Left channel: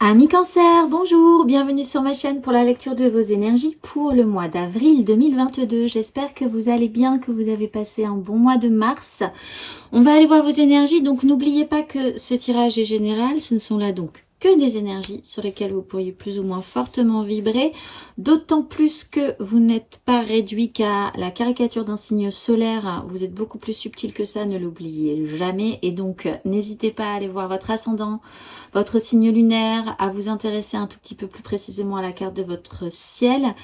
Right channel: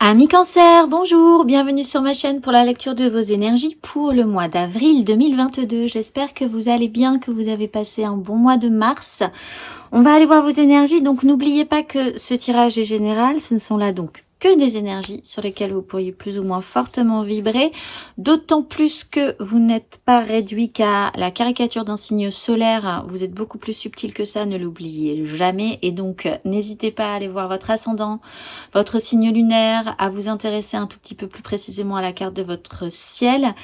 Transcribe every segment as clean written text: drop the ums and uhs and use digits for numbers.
Amis Cancer, bonjour, bienvenue sur ma chaîne pour la lecture de vos énergies pour le mois d'avril 2022. J'espère que vous allez bien, que vous avez passé un bon mois de mars. On va aller voir vos énergies, donc n'oubliez pas que ce tirage est général, ce ne sont là donc que des énergies sur lesquelles vous pourriez plus ou moins fortement vibrer, d'autant plus que vous n'êtes pas réduit qu'à la caricature d'un signe solaire, vous êtes beaucoup plus subtil que ça, ne l'oubliez jamais, et donc n'hésitez pas à aller voir votre ascendant, votre signe lunaire, à vous intéresser un tout petit peu plus précisément à la carte de votre ciel.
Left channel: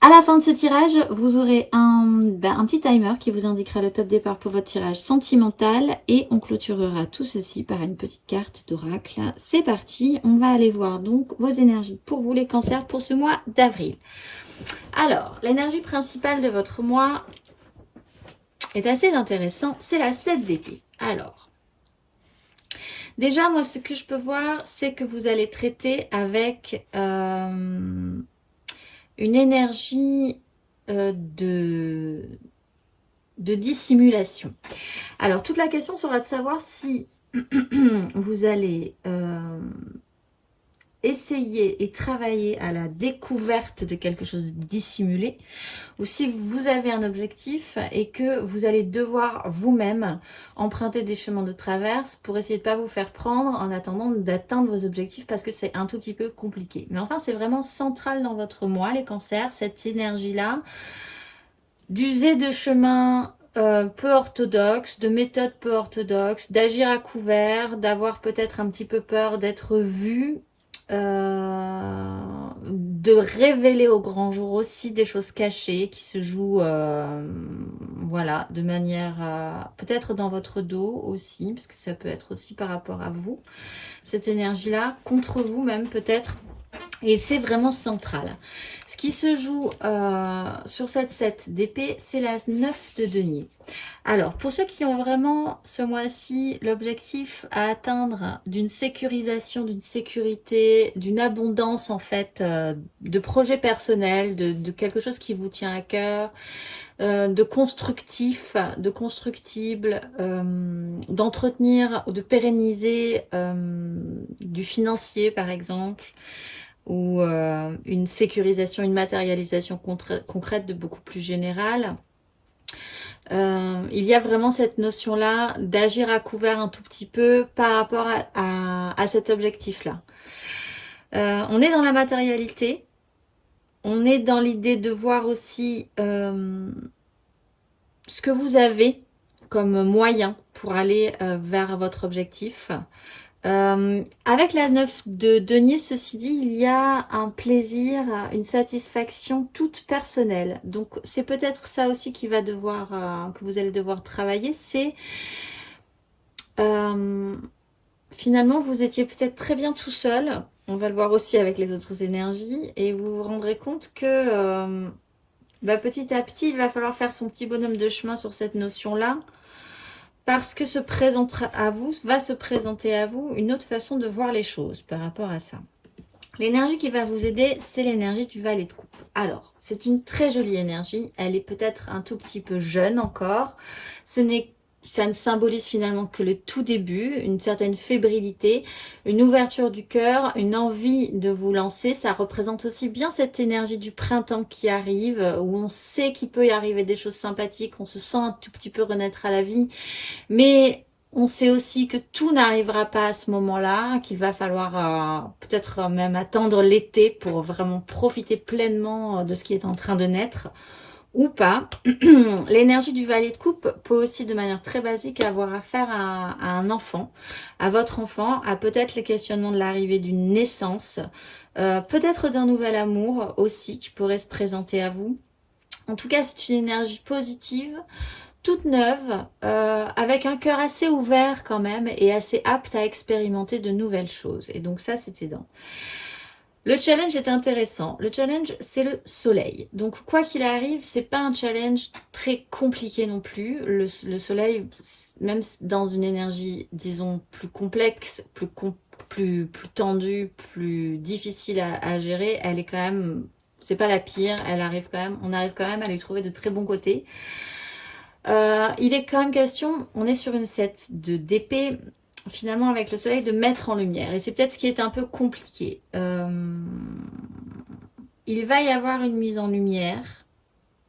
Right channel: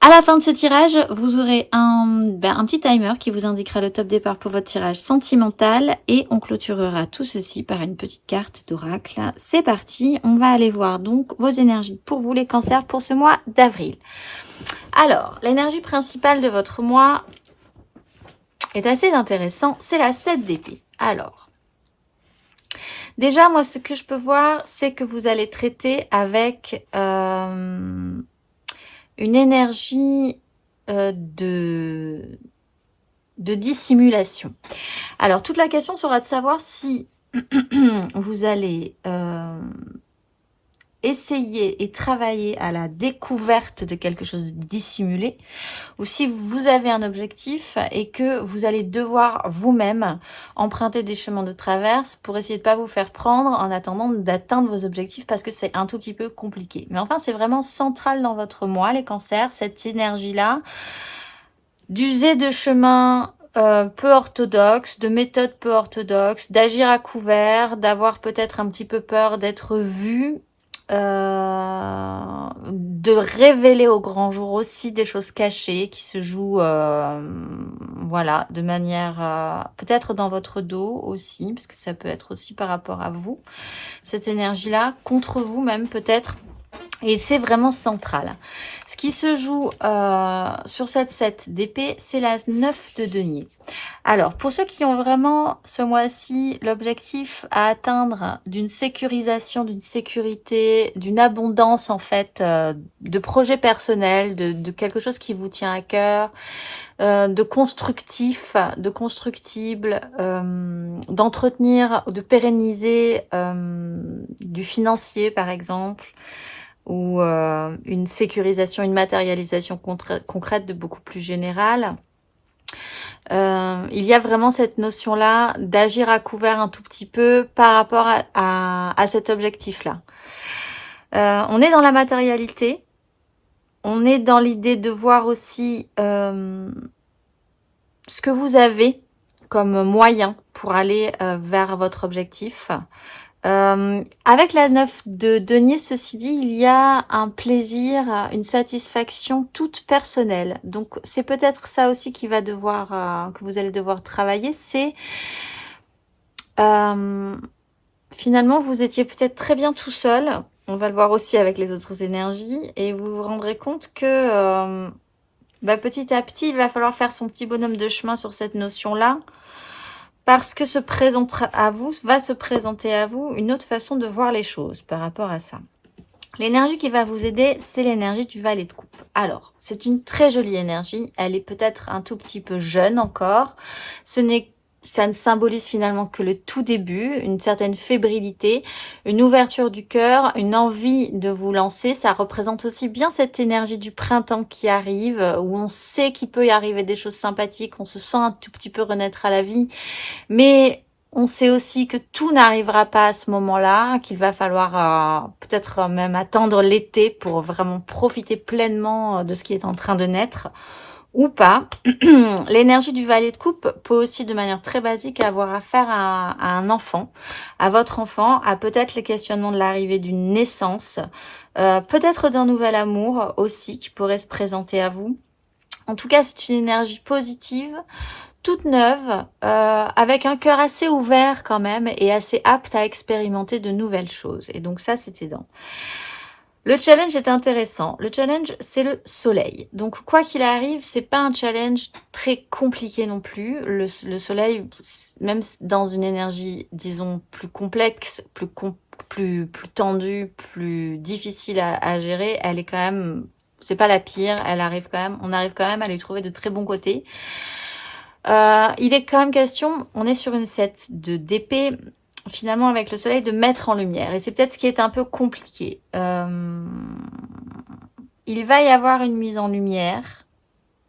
À la fin de ce tirage, vous aurez un petit timer qui vous indiquera le top départ pour votre tirage sentimental et on clôturera tout ceci par une petite carte d'oracle. C'est parti, on va aller voir donc vos énergies pour vous les cancers pour ce mois d'avril. Alors, l'énergie principale de votre mois est assez intéressant, c'est la 7 d'épée. Alors, déjà, moi, ce que je peux voir, c'est que vous allez traiter avec une énergie de dissimulation. Alors, toute la question sera de savoir si vous allez essayer et travailler à la découverte de quelque chose de dissimulé, ou si vous avez un objectif et que vous allez devoir vous-même emprunter des chemins de traverse pour essayer de ne pas vous faire prendre en attendant d'atteindre vos objectifs parce que c'est un tout petit peu compliqué. Mais enfin, c'est vraiment central dans votre mois, les cancers, cette énergie-là, d'user de chemins peu orthodoxes, de méthodes peu orthodoxes, d'agir à couvert, d'avoir peut-être un petit peu peur d'être vu, de révéler au grand jour aussi des choses cachées qui se jouent voilà, de manière peut-être dans votre dos aussi, parce que ça peut être aussi par rapport à vous, cette énergie-là, contre vous même peut-être. Et c'est vraiment central. Ce qui se joue sur cette 7 d'épée, c'est la 9 de denier. Alors, pour ceux qui ont vraiment ce mois-ci l'objectif à atteindre d'une sécurisation, d'une sécurité, d'une abondance en fait, de projets personnels, de quelque chose qui vous tient à cœur, de constructif, de constructible, d'entretenir, de pérenniser du financier par exemple, ou une sécurisation, une matérialisation concrète de beaucoup plus générale. Il y a vraiment cette notion-là d'agir à couvert un tout petit peu par rapport à cet objectif-là. On est dans la matérialité, on est dans l'idée de voir aussi ce que vous avez comme moyen pour aller vers votre objectif. Avec la 9 de denier, ceci dit, il y a un plaisir, une satisfaction toute personnelle. Donc, c'est peut-être ça aussi qui va devoir, que vous allez devoir travailler. C'est finalement, vous étiez peut-être très bien tout seul. On va le voir aussi avec les autres énergies. Et vous vous rendrez compte que petit à petit, il va falloir faire son petit bonhomme de chemin sur cette notion-là. Parce que va se présenter à vous une autre façon de voir les choses par rapport à ça. L'énergie qui va vous aider, c'est l'énergie du valet de coupe. Alors, c'est une très jolie énergie. Elle est peut-être un tout petit peu jeune encore. Ça ne symbolise finalement que le tout début, une certaine fébrilité, une ouverture du cœur, une envie de vous lancer. Ça représente aussi bien cette énergie du printemps qui arrive, où on sait qu'il peut y arriver des choses sympathiques, on se sent un tout petit peu renaître à la vie, mais on sait aussi que tout n'arrivera pas à ce moment-là, qu'il va falloir peut-être même attendre l'été pour vraiment profiter pleinement de ce qui est en train de naître. Ou pas. L'énergie du valet de coupe peut aussi de manière très basique avoir affaire à un enfant, à votre enfant, à peut-être les questionnements de l'arrivée d'une naissance, peut-être d'un nouvel amour aussi qui pourrait se présenter à vous. En tout cas, c'est une énergie positive, toute neuve, avec un cœur assez ouvert quand même et assez apte à expérimenter de nouvelles choses. Et donc ça, c'était dans... Le challenge est intéressant. Le challenge, c'est le soleil. Donc, quoi qu'il arrive, c'est pas un challenge très compliqué non plus. Le soleil, même dans une énergie, disons, plus complexe, plus tendue, plus difficile à gérer, elle est quand même... C'est pas la pire. On arrive quand même à lui trouver de très bons côtés. Il est quand même question, on est sur une 7 d'épée. finalement avec le soleil, de mettre en lumière. Et c'est peut-être ce qui est un peu compliqué. Il va y avoir une mise en lumière.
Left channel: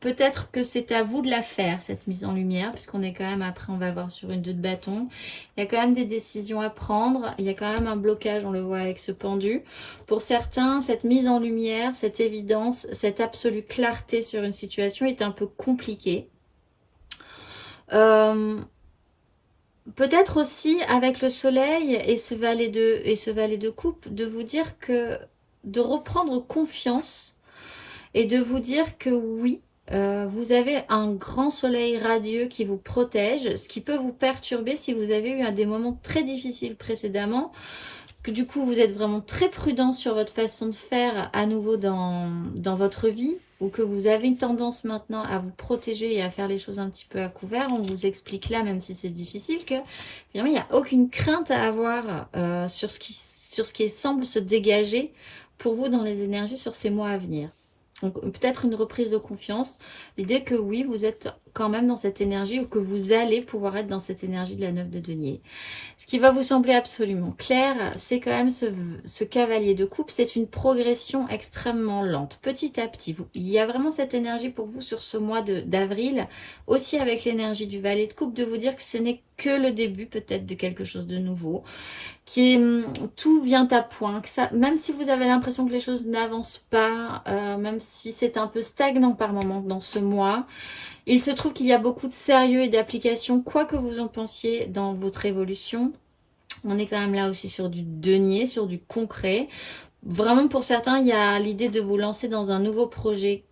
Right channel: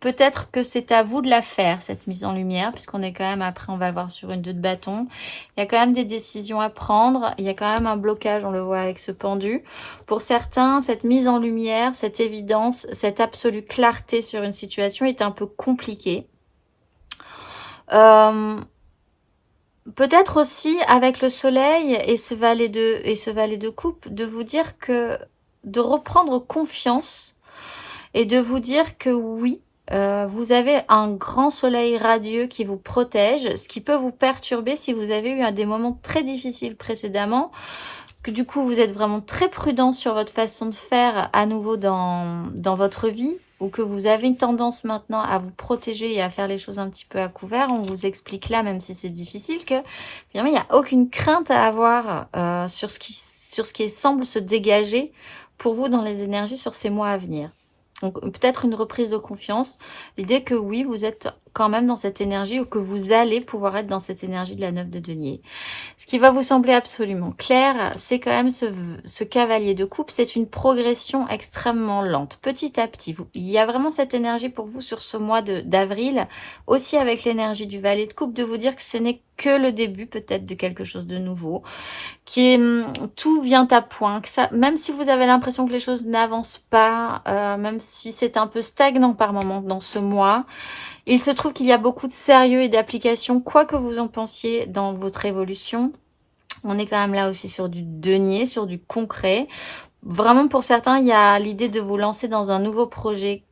Peut-être que c'est à vous de la faire, cette mise en lumière, puisqu'on est quand même, après, on va le voir sur une 2 de bâton. Il y a quand même des décisions à prendre. Il y a quand même un blocage, on le voit avec ce pendu. Pour certains, cette mise en lumière, cette évidence, cette absolue clarté sur une situation est un peu compliquée. Peut-être aussi, avec le soleil et ce valet de coupe, de vous dire que, de reprendre confiance et de vous dire que oui, vous avez un grand soleil radieux qui vous protège, ce qui peut vous perturber si vous avez eu des moments très difficiles précédemment, que du coup vous êtes vraiment très prudent sur votre façon de faire à nouveau dans votre vie, ou que vous avez une tendance maintenant à vous protéger et à faire les choses un petit peu à couvert. On vous explique là, même si c'est difficile, que finalement il n'y a aucune crainte à avoir sur ce qui semble se dégager pour vous dans les énergies sur ces mois à venir. Donc peut-être une reprise de confiance, l'idée que oui, vous êtes quand même dans cette énergie, ou que vous allez pouvoir être dans cette énergie de la 9 de denier. Ce qui va vous sembler absolument clair, c'est quand même ce cavalier de coupe, c'est une progression extrêmement lente, petit à petit. Il y a vraiment cette énergie pour vous sur ce mois d'avril, aussi avec l'énergie du valet de coupe, de vous dire que ce n'est que le début peut-être de quelque chose de nouveau, tout vient à point, que ça, même si vous avez l'impression que les choses n'avancent pas, même si c'est un peu stagnant par moment dans ce mois, il se trouve qu'il y a beaucoup de sérieux et d'application, quoi que vous en pensiez dans votre évolution. On est quand même là aussi sur du denier, sur du concret. Vraiment, pour certains, il y a l'idée de vous lancer dans un nouveau projet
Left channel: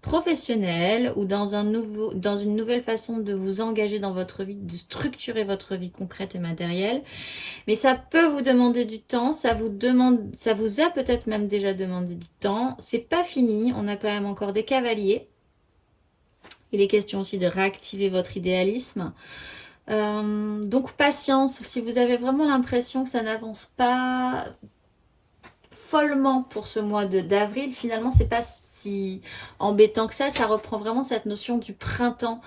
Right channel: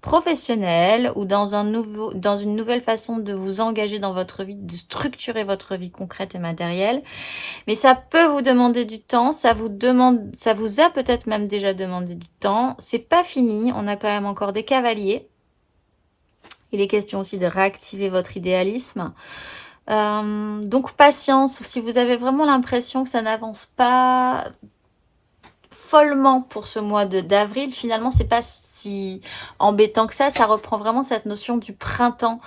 professionnel, ou dans une nouvelle façon de vous engager dans votre vie, de structurer votre vie concrète et matérielle. Mais ça peut vous demander du temps, ça vous a peut-être même déjà demandé du temps. C'est pas fini, on a quand même encore des cavaliers. Il est question aussi de réactiver votre idéalisme. Donc patience, si vous avez vraiment l'impression que ça n'avance pas follement pour ce mois d'avril, finalement c'est pas si embêtant que ça reprend vraiment cette notion du printemps.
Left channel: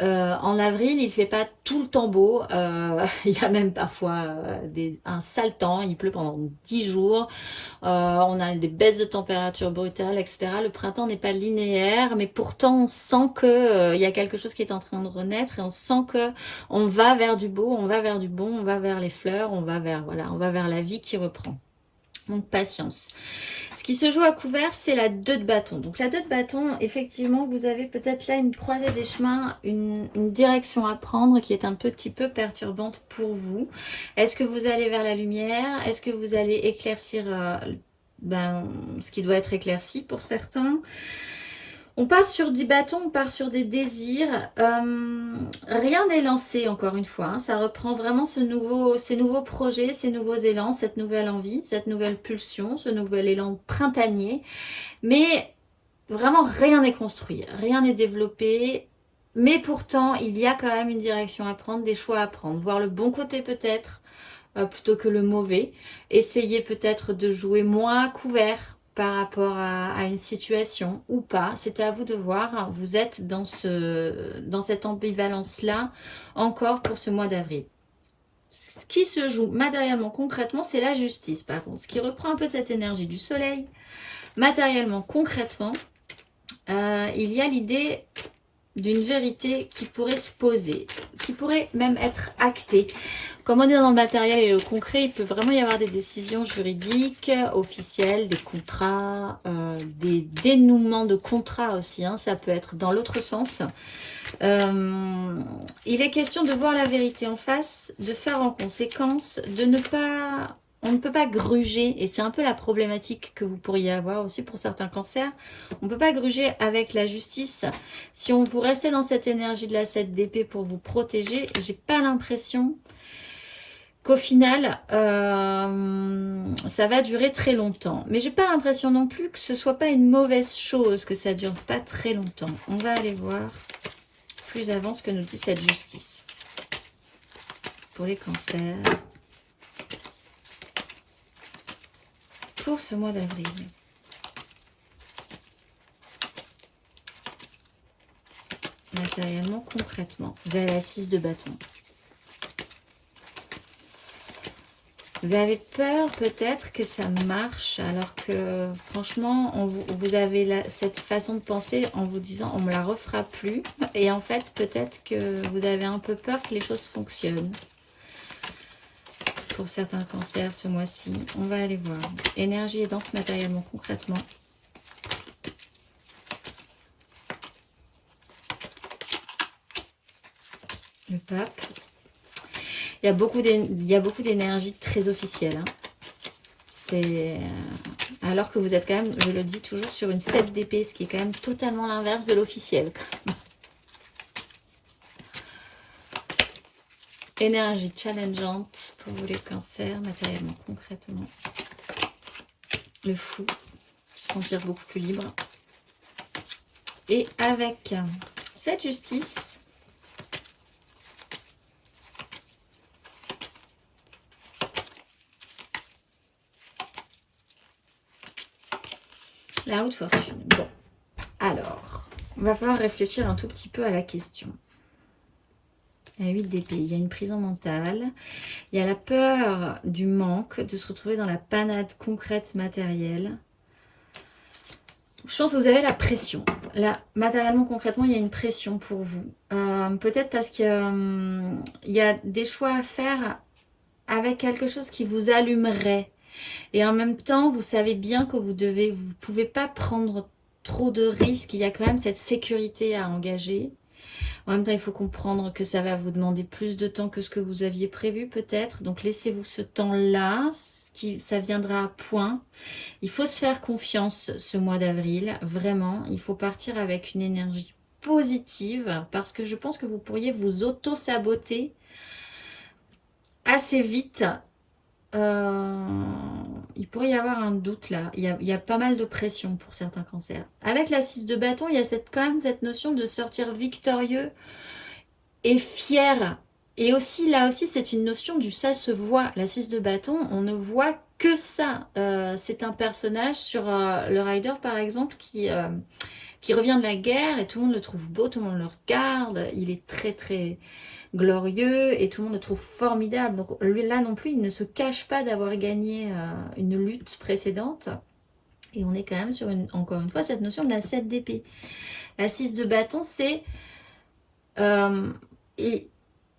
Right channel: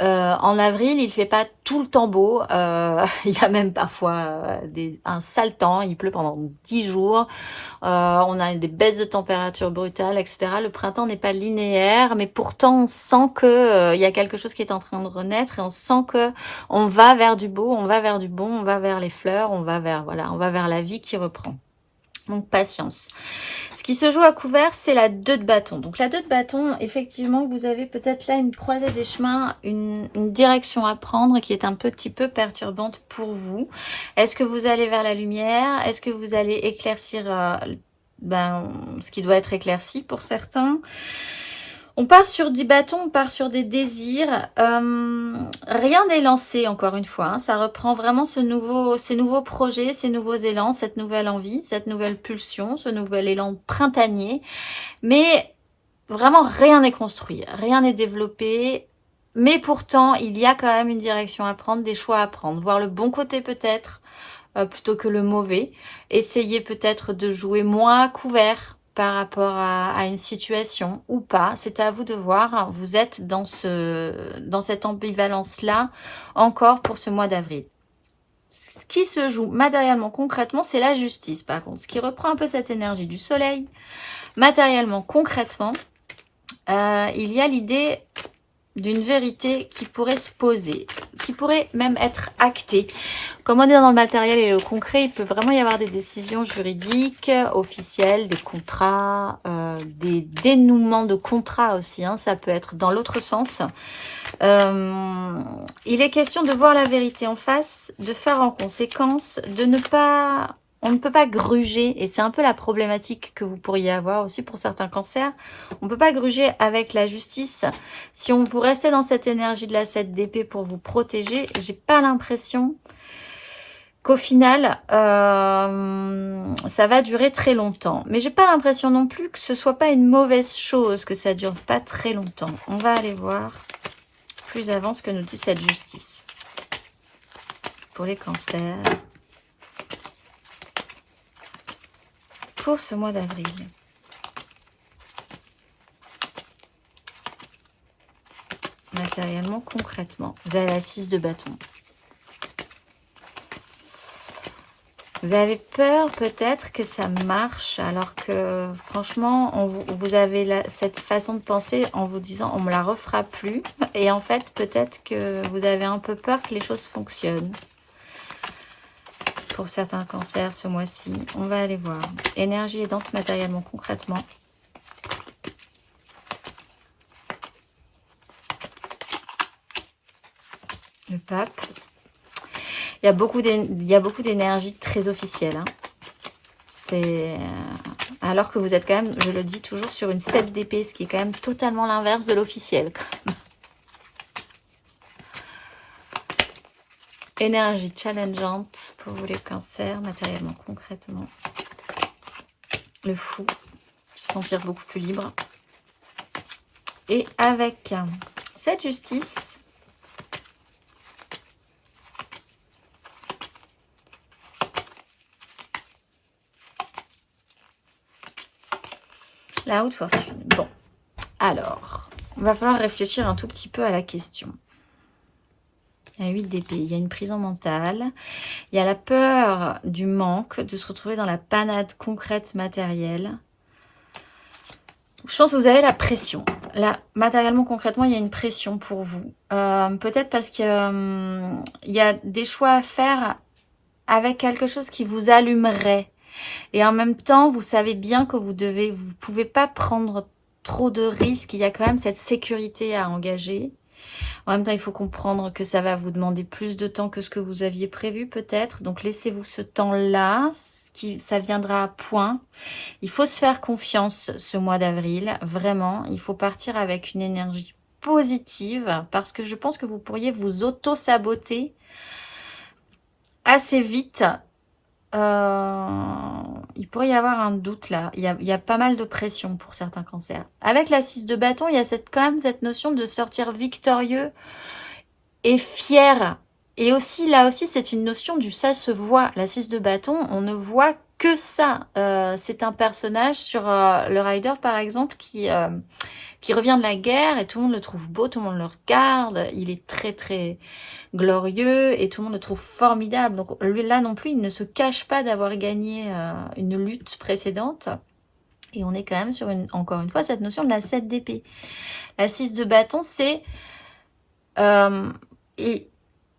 En avril, il fait pas tout le temps beau. Il y a même parfois un sale temps. Il pleut pendant 10 jours. On a des baisses de température brutales, etc. Le printemps n'est pas linéaire, mais pourtant on sent que il y a quelque chose qui est en train de renaître, et on sent que on va vers du beau, on va vers du bon, on va vers les fleurs, on va vers la vie qui reprend. Donc patience. Ce qui se joue à couvert, c'est la 2 de bâton. Donc la 2 de bâton, effectivement, vous avez peut-être là une croisée des chemins, une direction à prendre qui est un petit peu perturbante pour vous. Est-ce que vous allez vers la lumière? Est-ce que vous allez éclaircir ce qui doit être éclairci pour certains? On part sur 10 bâtons, on part sur des désirs. Rien n'est lancé, encore une fois. Hein. Ça reprend vraiment ces nouveaux projets, ces nouveaux élans, cette nouvelle envie, cette nouvelle pulsion, ce nouvel élan printanier. Mais vraiment, rien n'est construit, rien n'est développé. Mais pourtant, il y a quand même une direction à prendre, des choix à prendre. Voir le bon côté peut-être, plutôt que le mauvais. Essayer peut-être de jouer moins à couvert par rapport à une situation ou pas. C'est à vous de voir. Vous êtes dans cette ambivalence-là encore pour ce mois d'avril. Ce qui se joue matériellement, concrètement, c'est la justice par contre. Ce qui reprend un peu cette énergie du soleil. Matériellement, concrètement, il y a l'idée d'une vérité qui pourrait se poser, qui pourrait même être actée. Comme on est dans le matériel et le concret, il peut vraiment y avoir des décisions juridiques, officielles, des contrats, des dénouements de contrats aussi. Hein, ça peut être dans l'autre sens. Il est question de voir la vérité en face, de faire en conséquence, de ne pas... On ne peut pas gruger, et c'est un peu la problématique que vous pourriez avoir aussi pour certains cancers. On ne peut pas gruger avec la justice. Si vous restez dans cette énergie de la 7 d'épée pour vous protéger, j'ai pas l'impression qu'au final, ça va durer très longtemps. Mais j'ai pas l'impression non plus que ce soit pas une mauvaise chose, que ça dure pas très longtemps. On va aller voir plus avant ce que nous dit cette justice. Pour les cancers. Pour ce mois d'avril. Matériellement, concrètement. Vous avez la 6 de bâton. Vous avez peur peut-être que ça marche, alors que franchement, vous avez cette façon de penser en vous disant on me la refera plus. Et en fait, peut-être que vous avez un peu peur que les choses fonctionnent. Pour certains cancers ce mois-ci, on va aller voir. Énergie aidante matériellement, concrètement. Le pape. Il y a beaucoup d'énergie très officielle. Hein. C'est alors que vous êtes quand même, je le dis toujours, sur une 7 d'épée, ce qui est quand même totalement l'inverse de l'officiel. Énergie challengeante pour vous les cancers, matériellement, concrètement. Le fou, se sentir beaucoup plus libre. Et avec cette justice, la haute fortune. Bon, alors, il va falloir réfléchir un tout petit peu à la question. Il y a 8 d'épée, il y a une prison mentale, il y a la peur du manque, de se retrouver dans la panade concrète matérielle. Je pense que vous avez la pression. Là, matériellement, concrètement, il y a une pression pour vous. Peut-être parce qu'il y a des choix à faire avec quelque chose qui vous allumerait. Et en même temps, vous savez bien que vous pouvez pas prendre trop de risques. Il y a quand même cette sécurité à engager. En même temps, il faut comprendre que ça va vous demander plus de temps que ce que vous aviez prévu peut-être. Donc, laissez-vous ce temps-là. Ça viendra à point. Il faut se faire confiance ce mois d'avril. Vraiment, il faut partir avec une énergie positive parce que je pense que vous pourriez vous auto-saboter assez vite. Il pourrait y avoir un doute là. Il y a pas mal de pression pour certains cancers. Avec la 6 de bâton, il y a quand même cette notion de sortir victorieux et fier. Et aussi, là aussi, c'est une notion du ça se voit. La 6 de bâton, on ne voit que ça. C'est un personnage sur le Rider, par exemple, qui revient de la guerre et tout le monde le trouve beau, tout le monde le regarde. Il est très, très glorieux et tout le monde le trouve formidable. Donc lui, là non plus, il ne se cache pas d'avoir gagné une lutte précédente. Et on est quand même sur, encore une fois, cette notion de la 7 d'épée. La 6 de bâton, c'est...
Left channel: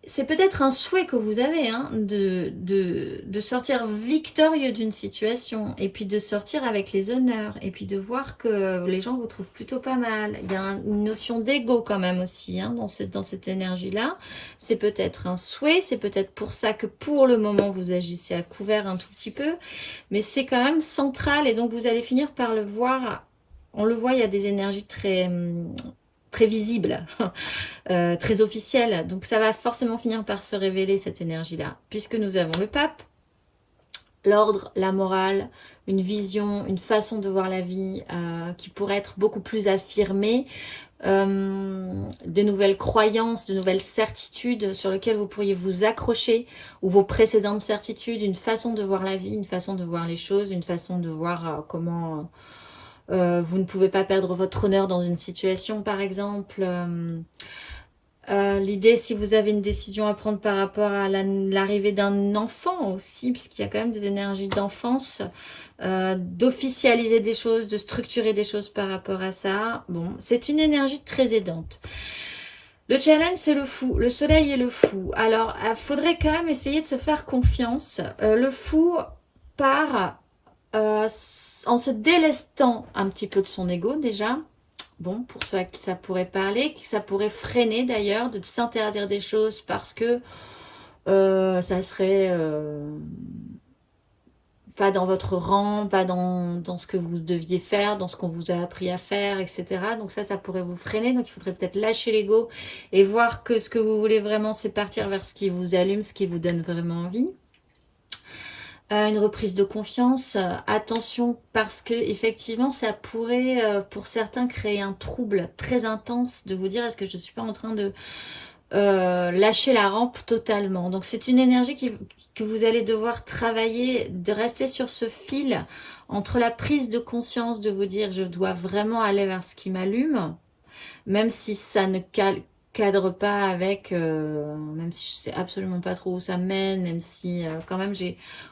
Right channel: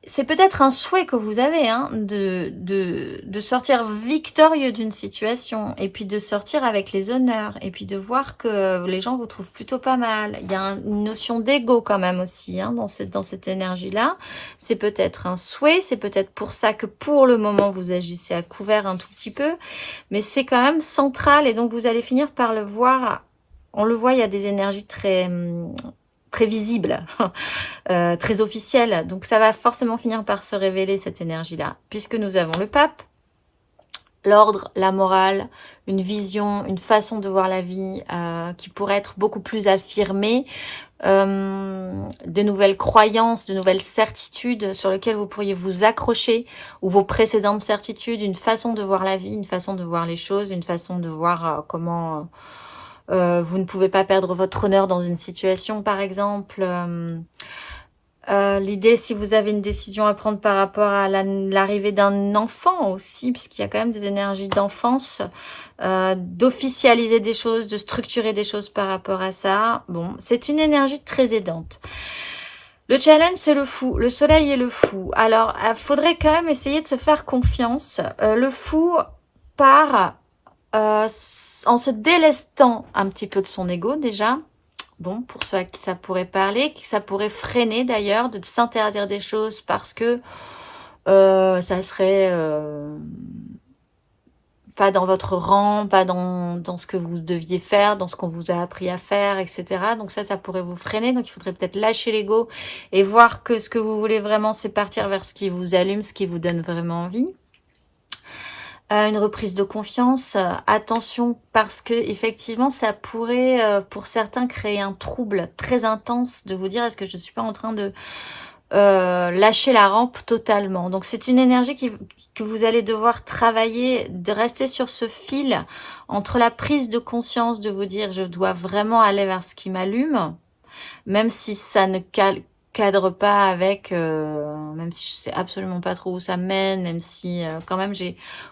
c'est peut-être un souhait que vous avez hein, de sortir victorieux d'une situation et puis de sortir avec les honneurs et puis de voir que les gens vous trouvent plutôt pas mal. Il y a une notion d'ego quand même aussi hein, dans cette énergie-là. C'est peut-être un souhait, c'est peut-être pour ça que pour le moment vous agissez à couvert un tout petit peu, mais c'est quand même central et donc vous allez finir par le voir. On le voit, il y a des énergies très visible, très officielle. Donc ça va forcément finir par se révéler cette énergie-là. Puisque nous avons le pape, l'ordre, la morale, une vision, une façon de voir la vie qui pourrait être beaucoup plus affirmée, de nouvelles croyances, de nouvelles certitudes sur lesquelles vous pourriez vous accrocher, ou vos précédentes certitudes, une façon de voir la vie, une façon de voir les choses, une façon de voir comment... vous ne pouvez pas perdre votre honneur dans une situation, par exemple. L'idée, si vous avez une décision à prendre par rapport à l'arrivée d'un enfant aussi, puisqu'il y a quand même des énergies d'enfance, d'officialiser des choses, de structurer des choses par rapport à ça. Bon, c'est une énergie très aidante. Le challenge, c'est le fou. Le soleil est le fou. Alors, il faudrait quand même essayer de se faire confiance. Le fou part... en se délestant un petit peu de son ego déjà, bon, pour ceux à qui ça pourrait parler, qui ça pourrait freiner d'ailleurs, de s'interdire des choses parce que ça serait pas dans votre rang, pas dans ce que vous deviez faire, dans ce qu'on vous a appris à faire, etc. Donc ça pourrait vous freiner, donc il faudrait peut-être lâcher l'ego et voir que ce que vous voulez vraiment, c'est partir vers ce qui vous allume, ce qui vous donne vraiment envie. Une reprise de confiance, attention parce que effectivement ça pourrait pour certains créer un trouble très intense de vous dire est-ce que je ne suis pas en train de lâcher la rampe totalement. Donc c'est une énergie que vous allez devoir travailler, de rester sur ce fil entre la prise de conscience de vous dire je dois vraiment aller vers ce qui m'allume, même si ça ne cadre pas avec, même si je sais absolument pas trop où ça me mène, même si quand même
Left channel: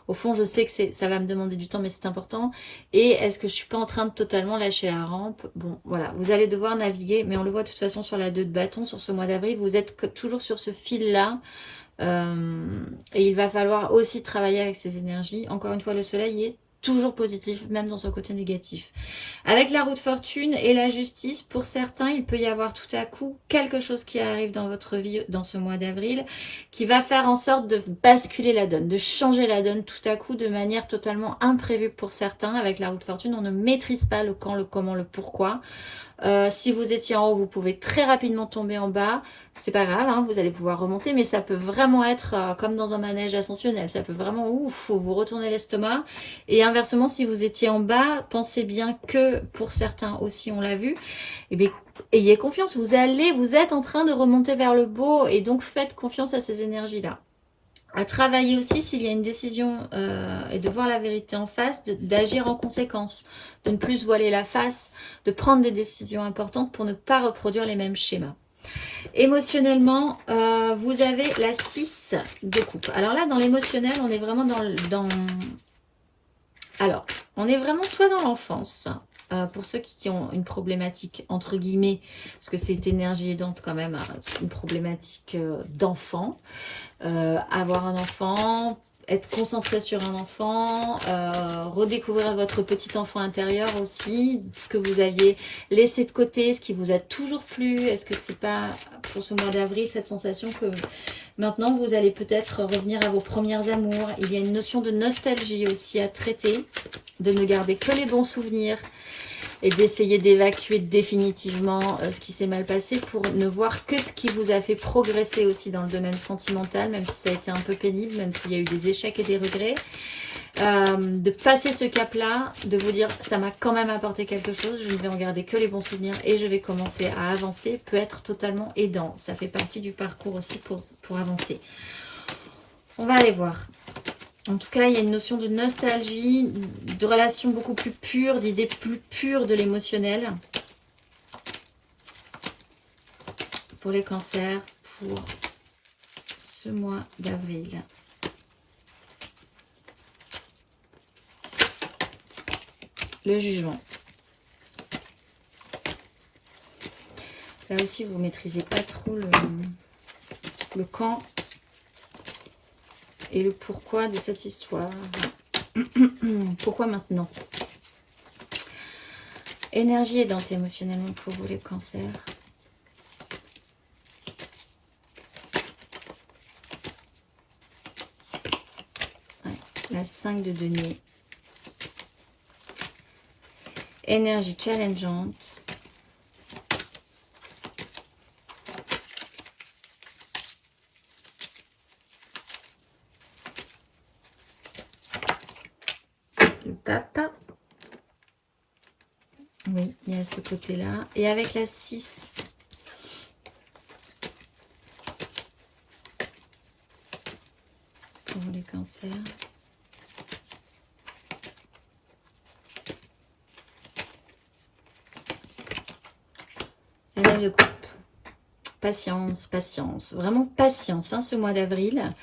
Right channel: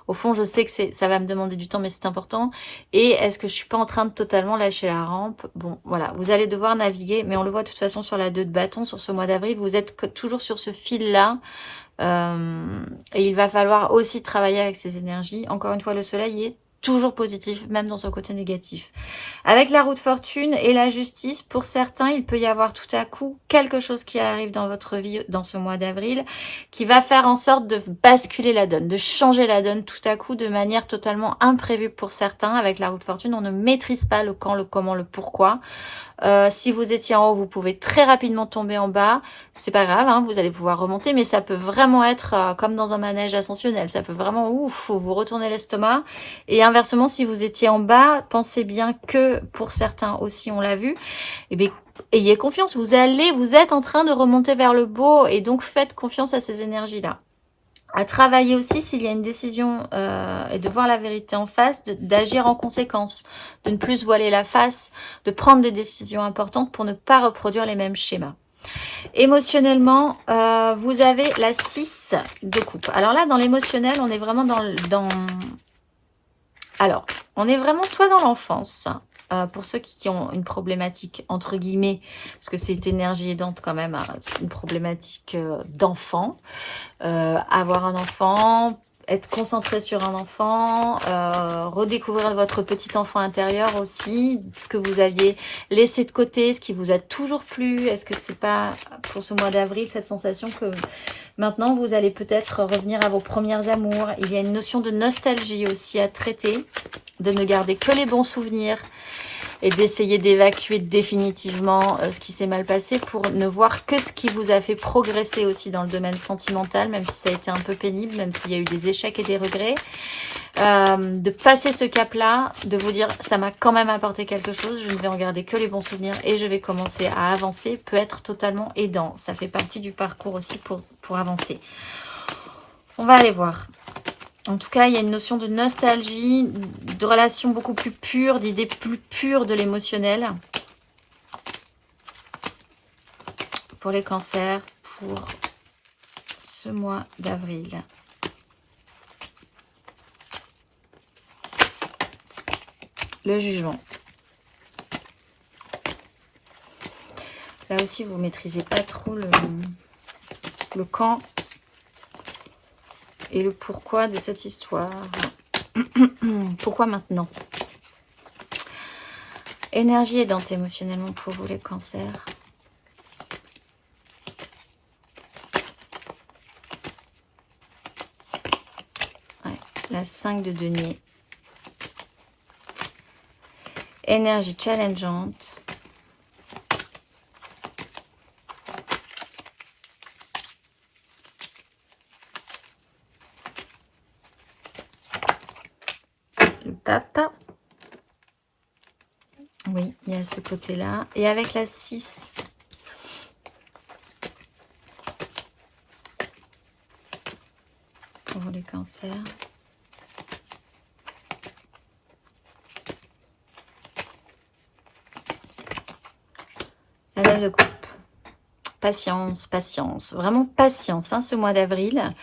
au fond je sais que ça va me demander du temps mais c'est important. Et est-ce que je suis pas en train de totalement lâcher la rampe? Bon voilà, vous allez devoir naviguer, mais on le voit de toute façon sur la 2 de bâton, sur ce mois d'avril, vous êtes toujours sur ce fil-là. Et il va falloir aussi travailler avec ces énergies. Encore une fois, le soleil est toujours positif, même dans son côté négatif. Avec la roue de fortune et la justice, pour certains, il peut y avoir tout à coup quelque chose qui arrive dans votre vie dans ce mois d'avril, qui va faire en sorte de basculer la donne, de changer la donne tout à coup de manière totalement imprévue pour certains. Avec la roue de fortune, on ne maîtrise pas le quand, le comment, le pourquoi. Si vous étiez en haut, vous pouvez très rapidement tomber en bas. C'est pas grave, hein, vous allez pouvoir remonter, mais ça peut vraiment être comme dans un manège ascensionnel. Ça peut vraiment, ouf, vous retourner l'estomac. Et inversement, si vous étiez en bas, pensez bien que pour certains aussi, on l'a vu, eh bien, ayez confiance. Vous êtes en train de remonter vers le beau et donc faites confiance à ces énergies-là. À travailler aussi s'il y a une décision et de voir la vérité en face, d'agir en conséquence, de ne plus se voiler la face, de prendre des décisions importantes pour ne pas reproduire les mêmes schémas. Émotionnellement, vous avez la 6 de coupe. Alors là, dans l'émotionnel, on est vraiment Alors, on est vraiment soit dans l'enfance, pour ceux qui ont une problématique, entre guillemets, parce que c'est énergie aidante quand même, c'est une problématique d'enfant. Avoir un enfant, être concentré sur un enfant, redécouvrir votre petit enfant intérieur aussi, ce que vous aviez laissé de côté, ce qui vous a toujours plu. Est-ce que c'est pas pour ce mois d'avril cette sensation que maintenant vous allez peut-être revenir à vos premières amours? Il y a une notion de nostalgie aussi à traiter, de ne garder que les bons souvenirs et d'essayer d'évacuer définitivement ce qui s'est mal passé pour ne voir que ce qui vous a fait progresser aussi dans le domaine sentimental, même si ça a été un peu pénible, même s'il y a eu des échecs et des regrets. De passer ce cap-là, de vous dire ça m'a quand même apporté quelque chose, je ne vais en garder que les bons souvenirs et je vais commencer à avancer, peut être totalement aidant. Ça fait partie du parcours aussi pour avancer. On va aller voir. En tout cas, il y a une notion de nostalgie, de relations beaucoup plus pures, d'idées plus pures de l'émotionnel. Pour les cancers, pour ce mois d'avril. Le jugement. Là aussi, vous ne maîtrisez pas trop le quand et le pourquoi de cette histoire. Pourquoi maintenant? Énergie aidante émotionnellement pour vous les cancers. Ouais, la 5 de denier. Énergie challengeante. Le pape. Oui, il y a ce côté-là. Et avec la 6. Pour les cancers. La 9 de coupe. Patience, patience. Vraiment patience, hein, ce mois d'avril.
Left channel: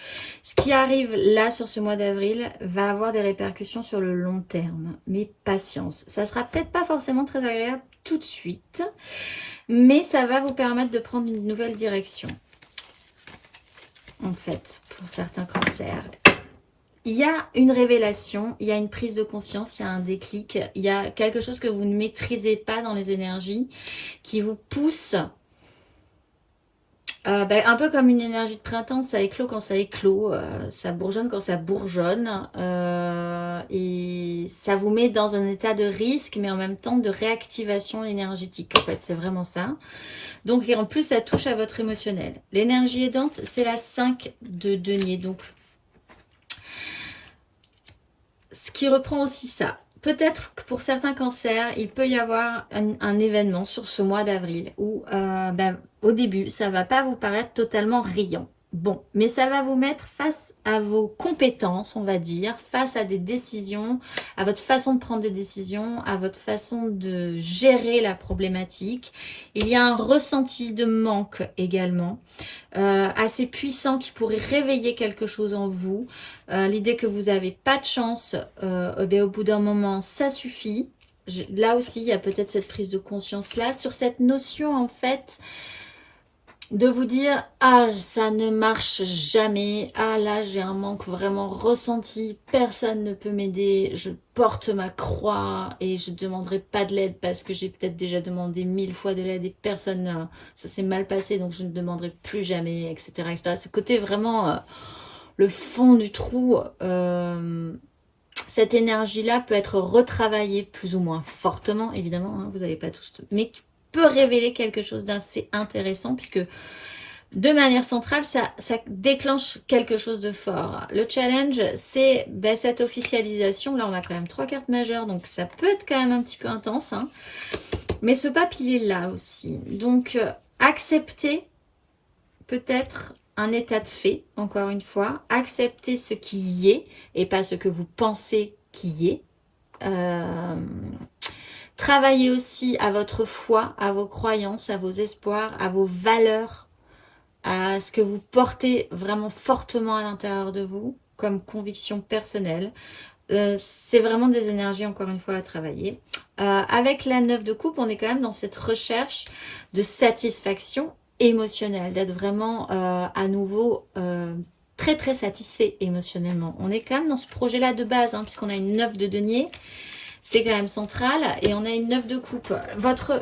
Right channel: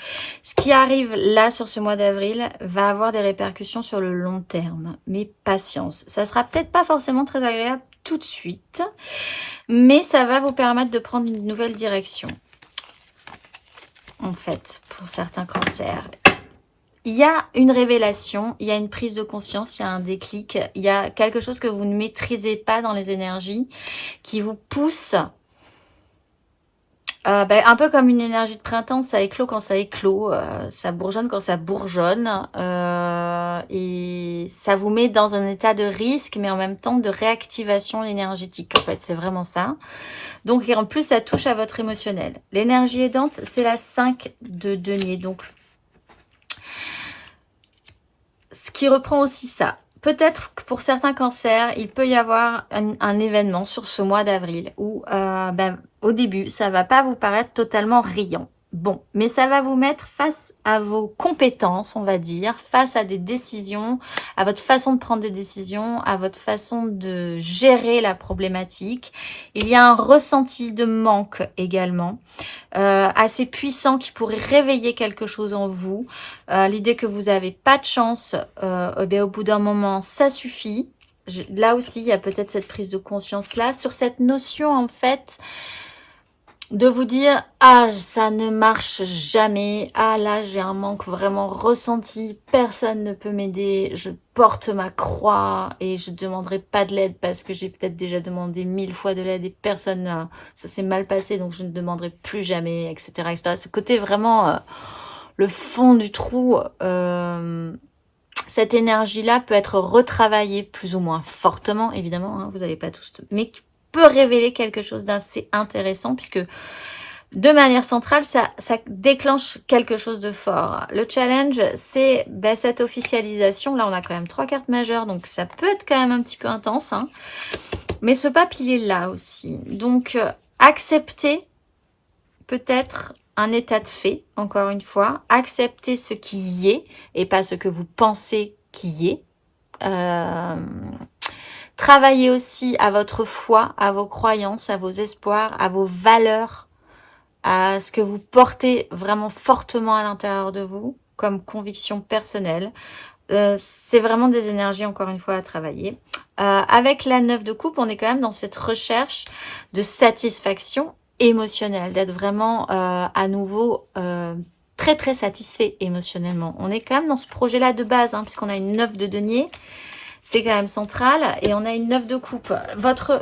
Ce qui arrive là, sur ce mois d'avril, va avoir des répercussions sur le long terme. Mais patience. Ça sera peut-être pas forcément très agréable tout de suite. Mais ça va vous permettre de prendre une nouvelle direction. En fait, pour certains cancers. Il y a une révélation, il y a une prise de conscience, il y a un déclic. Il y a quelque chose que vous ne maîtrisez pas dans les énergies qui vous pousse... un peu comme une énergie de printemps, ça éclot quand ça éclot, ça bourgeonne quand ça bourgeonne, et ça vous met dans un état de risque, mais en même temps de réactivation énergétique. En fait, c'est vraiment ça. Donc, et en plus, ça touche à votre émotionnel. L'énergie aidante, c'est la 5 de denier. Donc, ce qui reprend aussi ça. Peut-être que pour certains cancers, il peut y avoir un événement sur ce mois d'avril où, au début, ça va pas vous paraître totalement riant. bon, mais ça va vous mettre face à vos compétences, on va dire, face à des décisions, à votre façon de prendre des décisions, à votre façon de gérer la problématique. Il y a un ressenti de manque également, assez puissant qui pourrait réveiller quelque chose en vous. L'idée que vous n'avez pas de chance, eh bien, au bout d'un moment, ça suffit. Là aussi, il y a peut-être cette prise de conscience-là, sur cette notion en fait de vous dire « Ah, ça ne marche jamais. Ah, là, j'ai un manque vraiment ressenti. Personne ne peut m'aider. Je porte ma croix et je ne demanderai pas de l'aide parce que j'ai peut-être déjà demandé 1000 fois de l'aide et personne, ça s'est mal passé, donc je ne demanderai plus jamais, etc. etc. » Ce côté vraiment, le fond du trou, cette énergie-là peut être retravaillée plus ou moins fortement, évidemment, hein, vous n'allez pas tous... Mais peut révéler quelque chose d'assez intéressant puisque de manière centrale, ça déclenche quelque chose de fort. Le challenge, c'est cette officialisation. Là, on a quand même 3 cartes majeures, donc ça peut être quand même un petit peu intense. Hein. Mais ce pape, il est là aussi. Donc, accepter peut-être un état de fait, encore une fois. Accepter ce qui y est et pas ce que vous pensez qui y est. Travaillez aussi à votre foi, à vos croyances, à vos espoirs, à vos valeurs, à ce que vous portez vraiment fortement à l'intérieur de vous, comme conviction personnelle. C'est vraiment des énergies, encore une fois, à travailler. Avec la 9 de coupe, on est quand même dans cette recherche de satisfaction émotionnelle, d'être vraiment à nouveau très très satisfait émotionnellement. On est quand même dans ce projet-là de base, hein, puisqu'on a une 9 de denier. C'est quand même central. Et on a une 9 de coupe.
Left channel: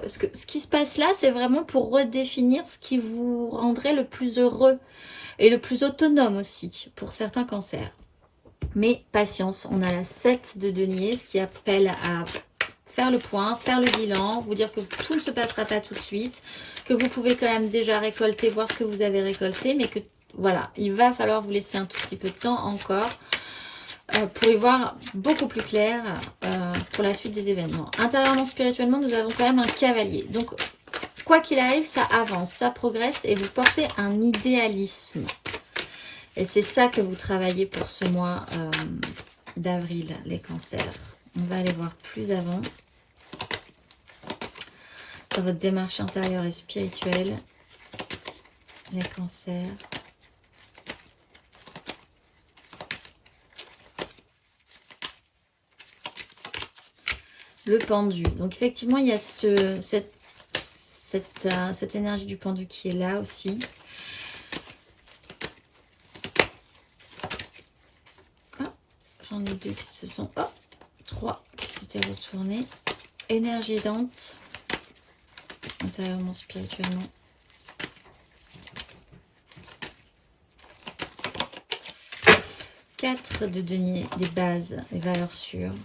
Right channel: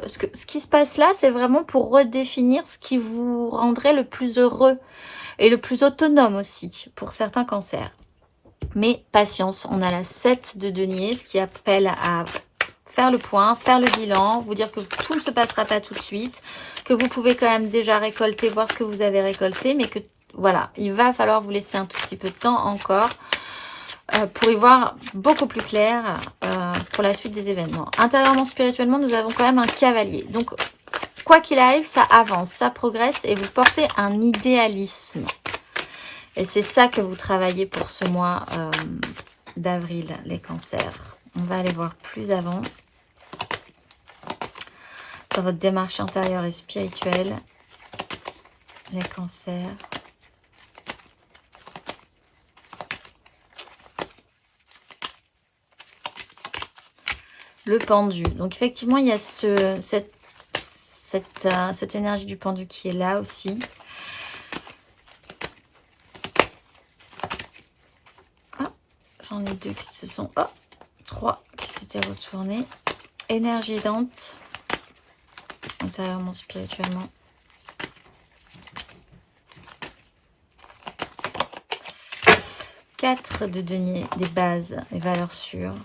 Ce qui se passe là, c'est vraiment pour redéfinir ce qui vous rendrait le plus heureux et le plus autonome aussi pour certains cancers. Mais patience, on a la 7 de denier, ce qui appelle à faire le point, faire le bilan, vous dire que tout ne se passera pas tout de suite, que vous pouvez quand même déjà récolter, voir ce que vous avez récolté, mais que voilà, il va falloir vous laisser un tout petit peu de temps encore pour y voir beaucoup plus clair pour la suite des événements. Intérieurement, spirituellement, nous avons quand même un cavalier. Donc, quoi qu'il arrive, ça avance, ça progresse et vous portez un idéalisme. Et c'est ça que vous travaillez pour ce mois d'avril, les cancers. On va aller voir plus avant. Dans votre démarche intérieure et spirituelle, les cancers. Le pendu. Donc effectivement, il y a cette énergie du pendu qui est là aussi. Ah, j'en ai 2 qui se sont... Oh, 3 qui s'étaient retournés. Énergie aidante. Intérieurement, spirituellement. Quatre de denier, des bases, des valeurs sûres.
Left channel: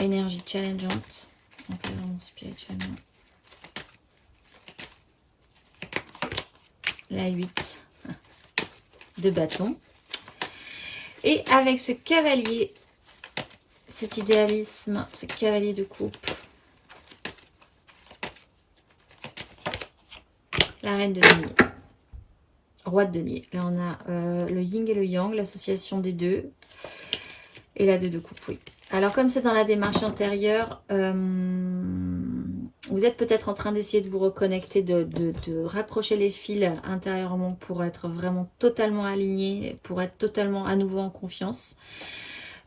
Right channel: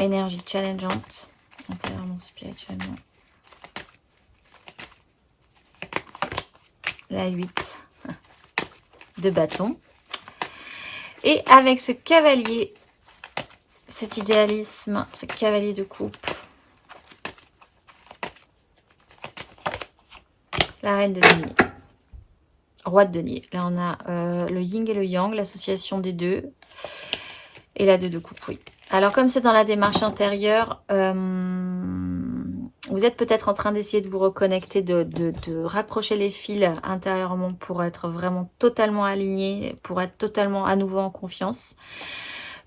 Énergie challengeante, intérieurement, spirituellement. La 8 de bâton. Et avec ce cavalier, cet idéalisme, ce cavalier de coupe, la reine de denier, roi de denier. Là, on a le yin et le yang, l'association des deux. Et la 2 de coupe, oui. Alors, comme c'est dans la démarche intérieure, vous êtes peut-être en train d'essayer de vous reconnecter, de raccrocher les fils intérieurement pour être vraiment totalement aligné, pour être totalement à nouveau en confiance.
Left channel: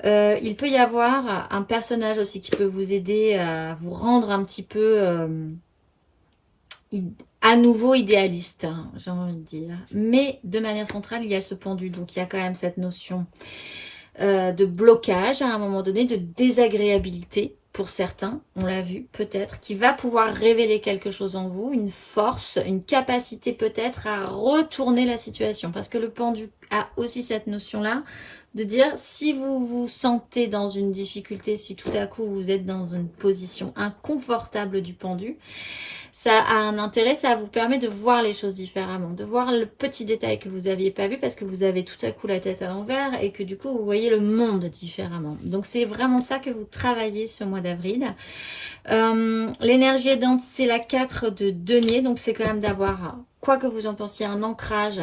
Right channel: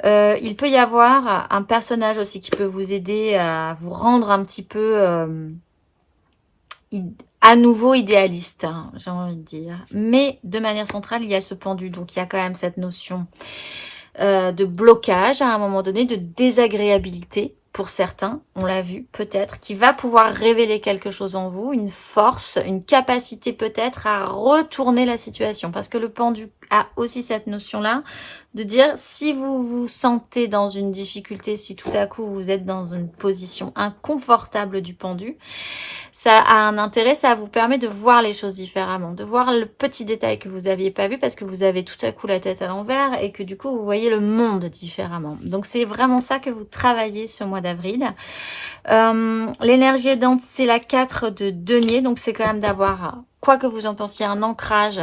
Il peut y avoir un personnage aussi qui peut vous aider à vous rendre un petit peu à nouveau idéaliste, hein, j'ai envie de dire. Mais de manière centrale, il y a ce pendu. Donc, il y a quand même cette notion de blocage à un moment donné, de désagréabilité pour certains, on l'a vu peut-être, qui va pouvoir révéler quelque chose en vous, une force, une capacité peut-être à retourner la situation. Parce que le pendu a aussi cette notion-là de dire si vous vous sentez dans une difficulté, si tout à coup vous êtes dans une position inconfortable du pendu, ça a un intérêt, ça vous permet de voir les choses différemment, de voir le petit détail que vous n'aviez pas vu parce que vous avez tout à coup la tête à l'envers et que du coup vous voyez le monde différemment. Donc c'est vraiment ça que vous travaillez ce mois d'avril. L'énergie aidante, c'est la 4 de denier, donc c'est quand même d'avoir quoi que vous en pensiez, un ancrage,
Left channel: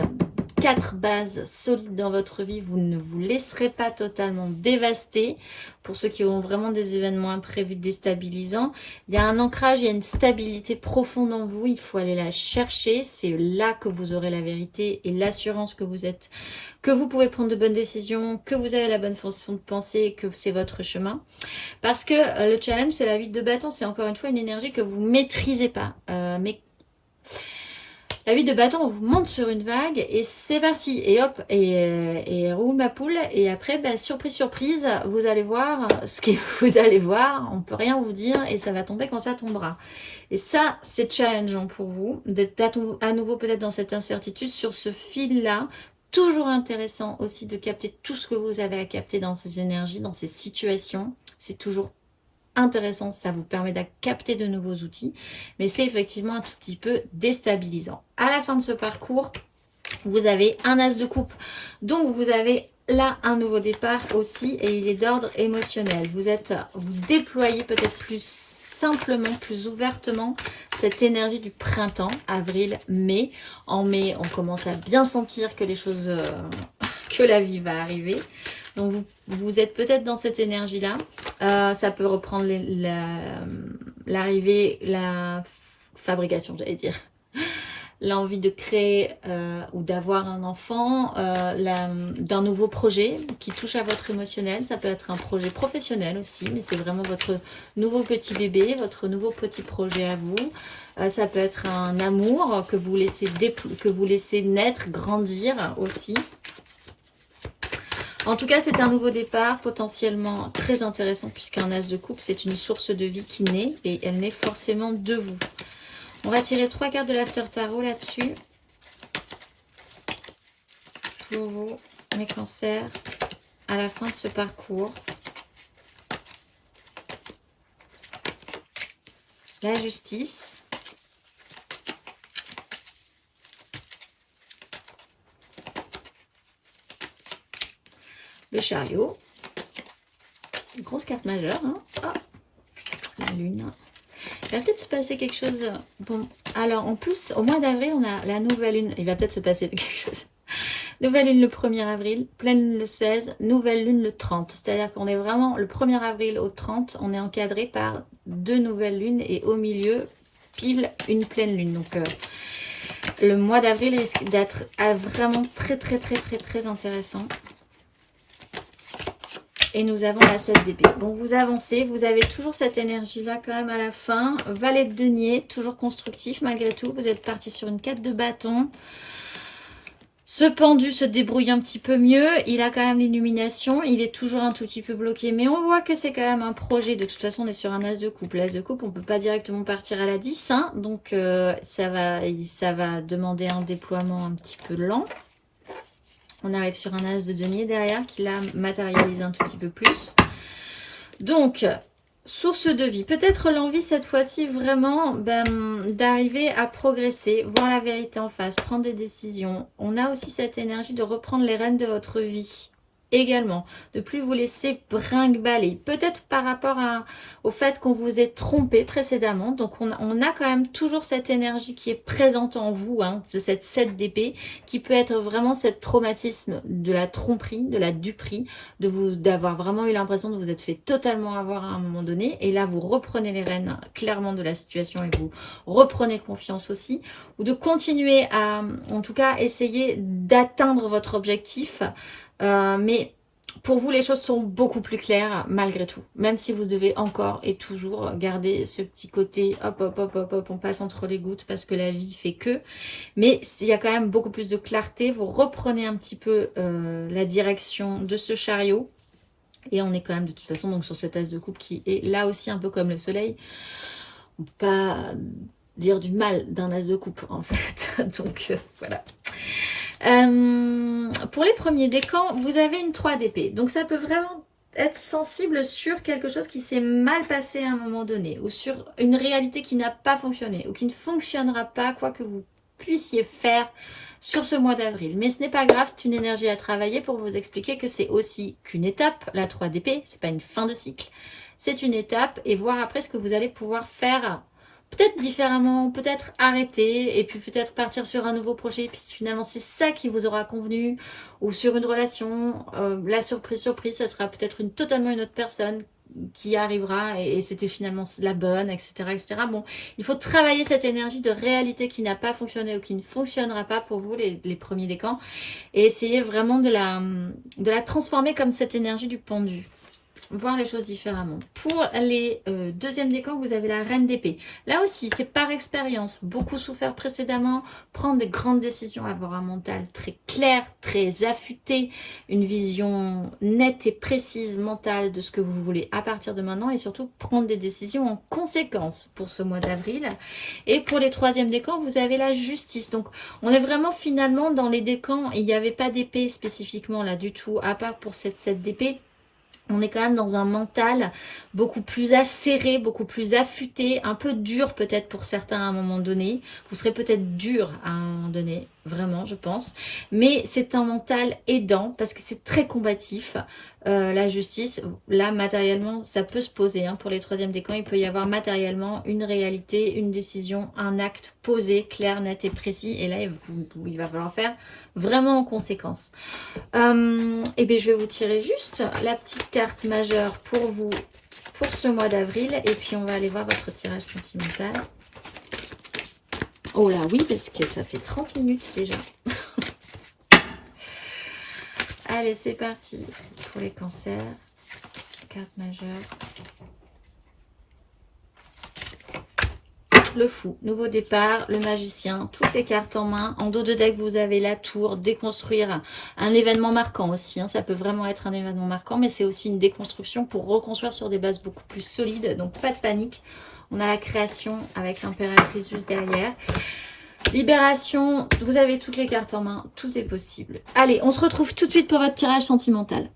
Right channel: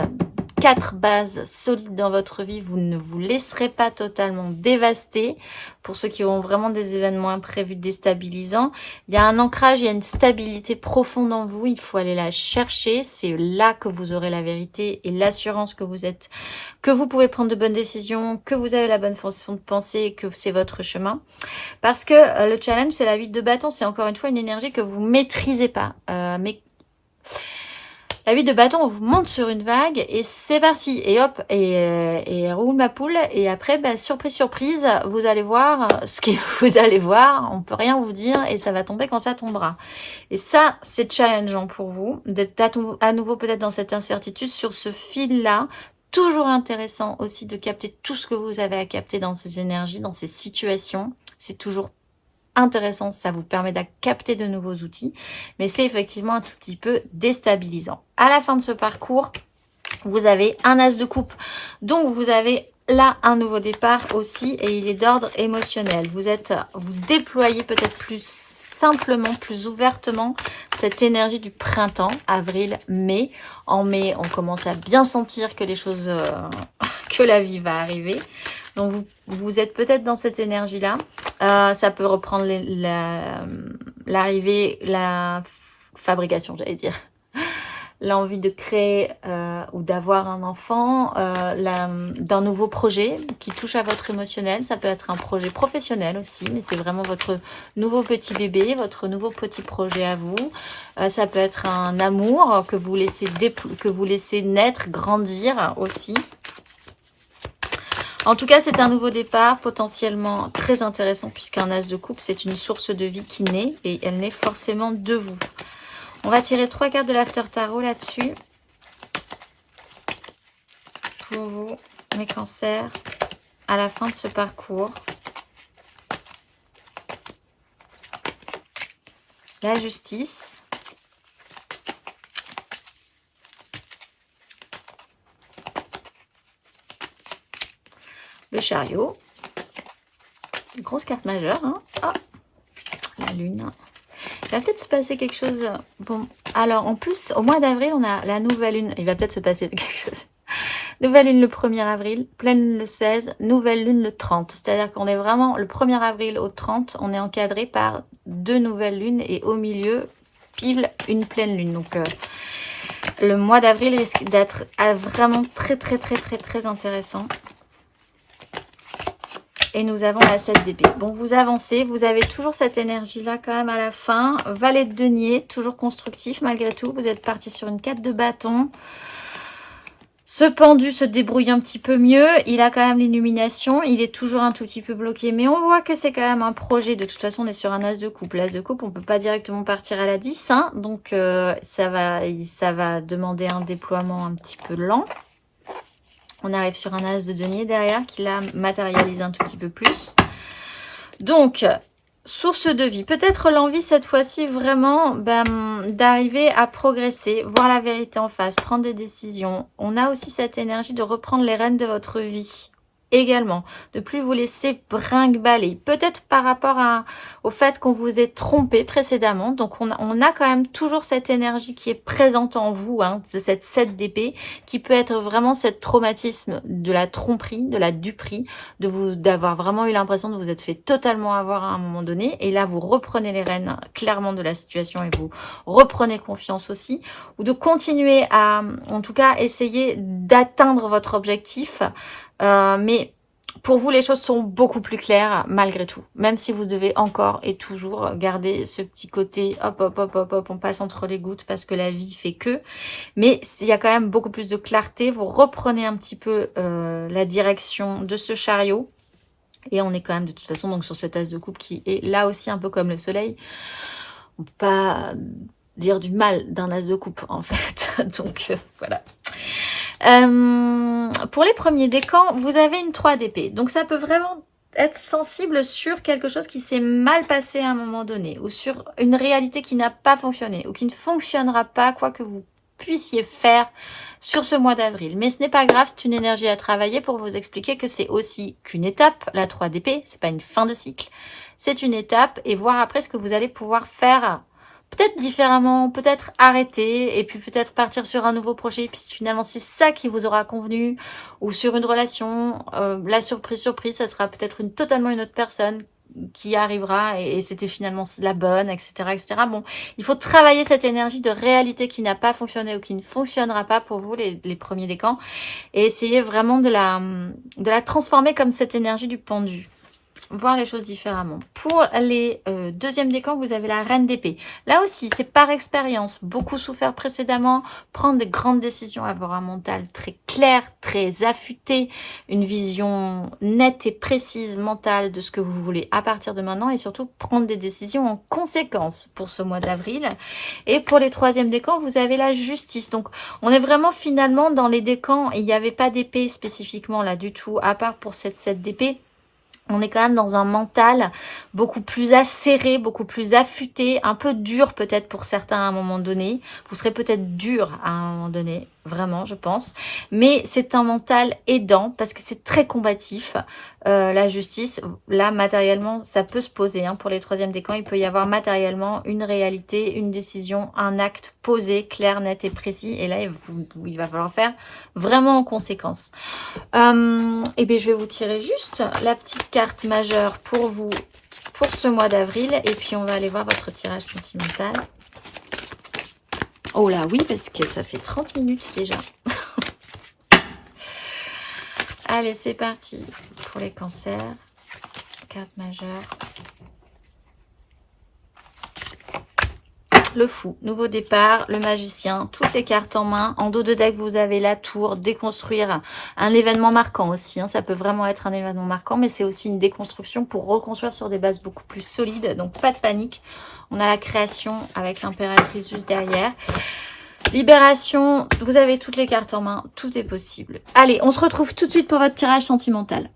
4 bases solides dans votre vie. Vous ne vous laisserez pas totalement dévaster. Pour ceux qui auront vraiment des événements imprévus déstabilisants, il y a un ancrage, il y a une stabilité profonde en vous. Il faut aller la chercher. C'est là que vous aurez la vérité et l'assurance que vous êtes, que vous pouvez prendre de bonnes décisions, que vous avez la bonne façon de penser et que c'est votre chemin. Parce que le challenge, c'est la 8 de bâton. C'est encore une fois une énergie que vous maîtrisez pas. Mais la 8 de bâton, on vous monte sur une vague et c'est parti. Et hop, et roule ma poule. Et après, bah, surprise, surprise, vous allez voir ce que vous allez voir. On peut rien vous dire et ça va tomber quand ça tombera. Et ça, c'est challengeant pour vous d'être à nouveau peut-être dans cette incertitude sur ce fil-là. Toujours intéressant aussi de capter tout ce que vous avez à capter dans ces énergies, dans ces situations. C'est toujours intéressant, ça vous permet de capter de nouveaux outils, mais c'est effectivement un tout petit peu déstabilisant. À la fin de ce parcours, vous avez un as de coupe, donc vous avez là un nouveau départ aussi, et il est d'ordre émotionnel. Vous déployez peut-être plus simplement, plus ouvertement cette énergie du printemps, avril, mai. En mai, on commence à bien sentir que les choses, que la vie va arriver. Donc, vous êtes peut-être dans cette énergie-là. Ça peut reprendre l'arrivée, la fabrication, j'allais dire. L'envie de créer ou d'avoir un enfant, d'un nouveau projet qui touche à votre émotionnel. Ça peut être un projet professionnel aussi, mais c'est vraiment votre nouveau petit bébé, votre nouveau petit projet à vous. Ça peut être un amour que vous laissez naître, grandir aussi. En tout cas, c'est un nouveau départ potentiellement très intéressant puisqu'un as de coupe, c'est une source de vie qui naît et elle naît forcément de vous. On va tirer 3 cartes de l'After Tarot là-dessus. Pour vous, mes cancers, à la fin de ce parcours. La justice. Le chariot. Une grosse carte majeure. Hein. Oh, la lune. Il va peut-être se passer quelque chose. Bon, alors en plus, au mois d'avril, on a la nouvelle lune. Il va peut-être se passer quelque chose. Nouvelle lune le 1er avril, pleine lune le 16, nouvelle lune le 30. C'est-à-dire qu'on est vraiment le 1er avril au 30, on est encadré par 2 nouvelles lunes et au milieu, pile une pleine lune. Donc le mois d'avril risque d'être vraiment très intéressant. Et nous avons la 7 d'épée. Bon, vous avancez, vous avez toujours cette énergie-là quand même à la fin. Valet de denier, toujours constructif malgré tout. Vous êtes parti sur une 4 de bâton. Ce pendu se débrouille un petit peu mieux. Il a quand même l'illumination. Il est toujours un tout petit peu bloqué. Mais on voit que c'est quand même un projet. De toute façon, on est sur un as de coupe. L'as de coupe, on ne peut pas directement partir à la 10. Hein, donc, ça va demander un déploiement un petit peu lent. On arrive sur un as de denier derrière qui la matérialise un tout petit peu plus. Donc, source de vie. Peut-être l'envie cette fois-ci vraiment d'arriver à progresser, voir la vérité en face, prendre des décisions. On a aussi cette énergie de reprendre les rênes de votre vie. Également, de plus vous laisser brinque-baller. Peut-être par rapport au fait qu'on vous ait trompé précédemment. Donc, on a quand même toujours cette énergie qui est présente en vous, hein, cette 7 d'épée, qui peut être vraiment ce traumatisme de la tromperie, de la duperie, d'avoir vraiment eu l'impression de vous être fait totalement avoir à un moment donné. Et là, vous reprenez les rênes clairement de la situation et vous reprenez confiance aussi. Ou de continuer à, en tout cas, essayer d'atteindre votre objectif. Mais pour vous, les choses sont beaucoup plus claires malgré tout. Même si vous devez encore et toujours garder ce petit côté hop, on passe entre les gouttes parce que la vie fait que. Mais il y a quand même beaucoup plus de clarté. Vous reprenez un petit peu la direction de ce chariot. Et on est quand même de toute façon donc sur cette as de coupe qui est là aussi un peu comme le soleil. On peut pas dire du mal d'un as de coupe en fait. Donc voilà. Pour les premiers décans, vous avez une 3 d'épée. Donc ça peut vraiment être sensible sur quelque chose qui s'est mal passé à un moment donné. Ou sur une réalité qui n'a pas fonctionné. Ou qui ne fonctionnera pas, quoi que vous puissiez faire sur ce mois d'avril. Mais ce n'est pas grave, c'est une énergie à travailler pour vous expliquer que c'est aussi qu'une étape. La 3 d'épée, c'est pas une fin de cycle. C'est une étape et voir après ce que vous allez pouvoir faire peut-être différemment, peut-être arrêter et puis peut-être partir sur un nouveau projet puisque finalement c'est ça qui vous aura convenu, ou sur une relation, la surprise, ça sera peut-être totalement une autre personne qui arrivera et c'était finalement la bonne, etc., etc. Bon, il faut travailler cette énergie de réalité qui n'a pas fonctionné ou qui ne fonctionnera pas pour vous, les premiers décans, et essayer vraiment de la transformer comme cette énergie du pendu. Voir les choses différemment. Pour les deuxièmes décans, vous avez la reine d'épée. Là aussi, c'est par expérience. Beaucoup souffert précédemment. Prendre de grandes décisions, avoir un mental très clair, très affûté. Une vision nette et précise mentale de ce que vous voulez à partir de maintenant. Et surtout, prendre des décisions en conséquence pour ce mois d'avril. Et pour les troisièmes décans, vous avez la justice. Donc, on est vraiment finalement dans les décans. Il n'y avait pas d'épée spécifiquement là du tout, à part pour cette 7 d'épée. On est quand même dans un mental beaucoup plus acéré, beaucoup plus affûté, un peu dur peut-être pour certains à un moment donné. Vous serez peut-être dur à un moment donné, vraiment, je pense. Mais c'est un mental aidant parce que c'est très combatif. La justice, là, matériellement, ça peut se poser. Hein, pour les troisièmes décans, il peut y avoir matériellement une réalité, une décision, un acte posé, clair, net et précis. Et là, il va falloir faire vraiment en conséquence. Et bien, je vais vous tirer juste la petite carte majeure pour vous, pour ce mois d'avril. Et puis, on va aller voir votre tirage sentimental. Oh là, oui, parce que ça fait 30 minutes déjà. Allez, c'est parti pour les cancers. Carte majeure. Le fou, nouveau départ, le magicien, toutes les cartes en main. En dos de deck, vous avez la tour, déconstruire, un événement marquant aussi. Hein. Ça peut vraiment être un événement marquant, mais c'est aussi une déconstruction pour reconstruire sur des bases beaucoup plus solides. Donc, pas de panique. On a la création avec l'impératrice juste derrière. Libération, vous avez toutes les cartes en main, tout est possible. Allez, on se retrouve tout de suite pour votre tirage sentimental.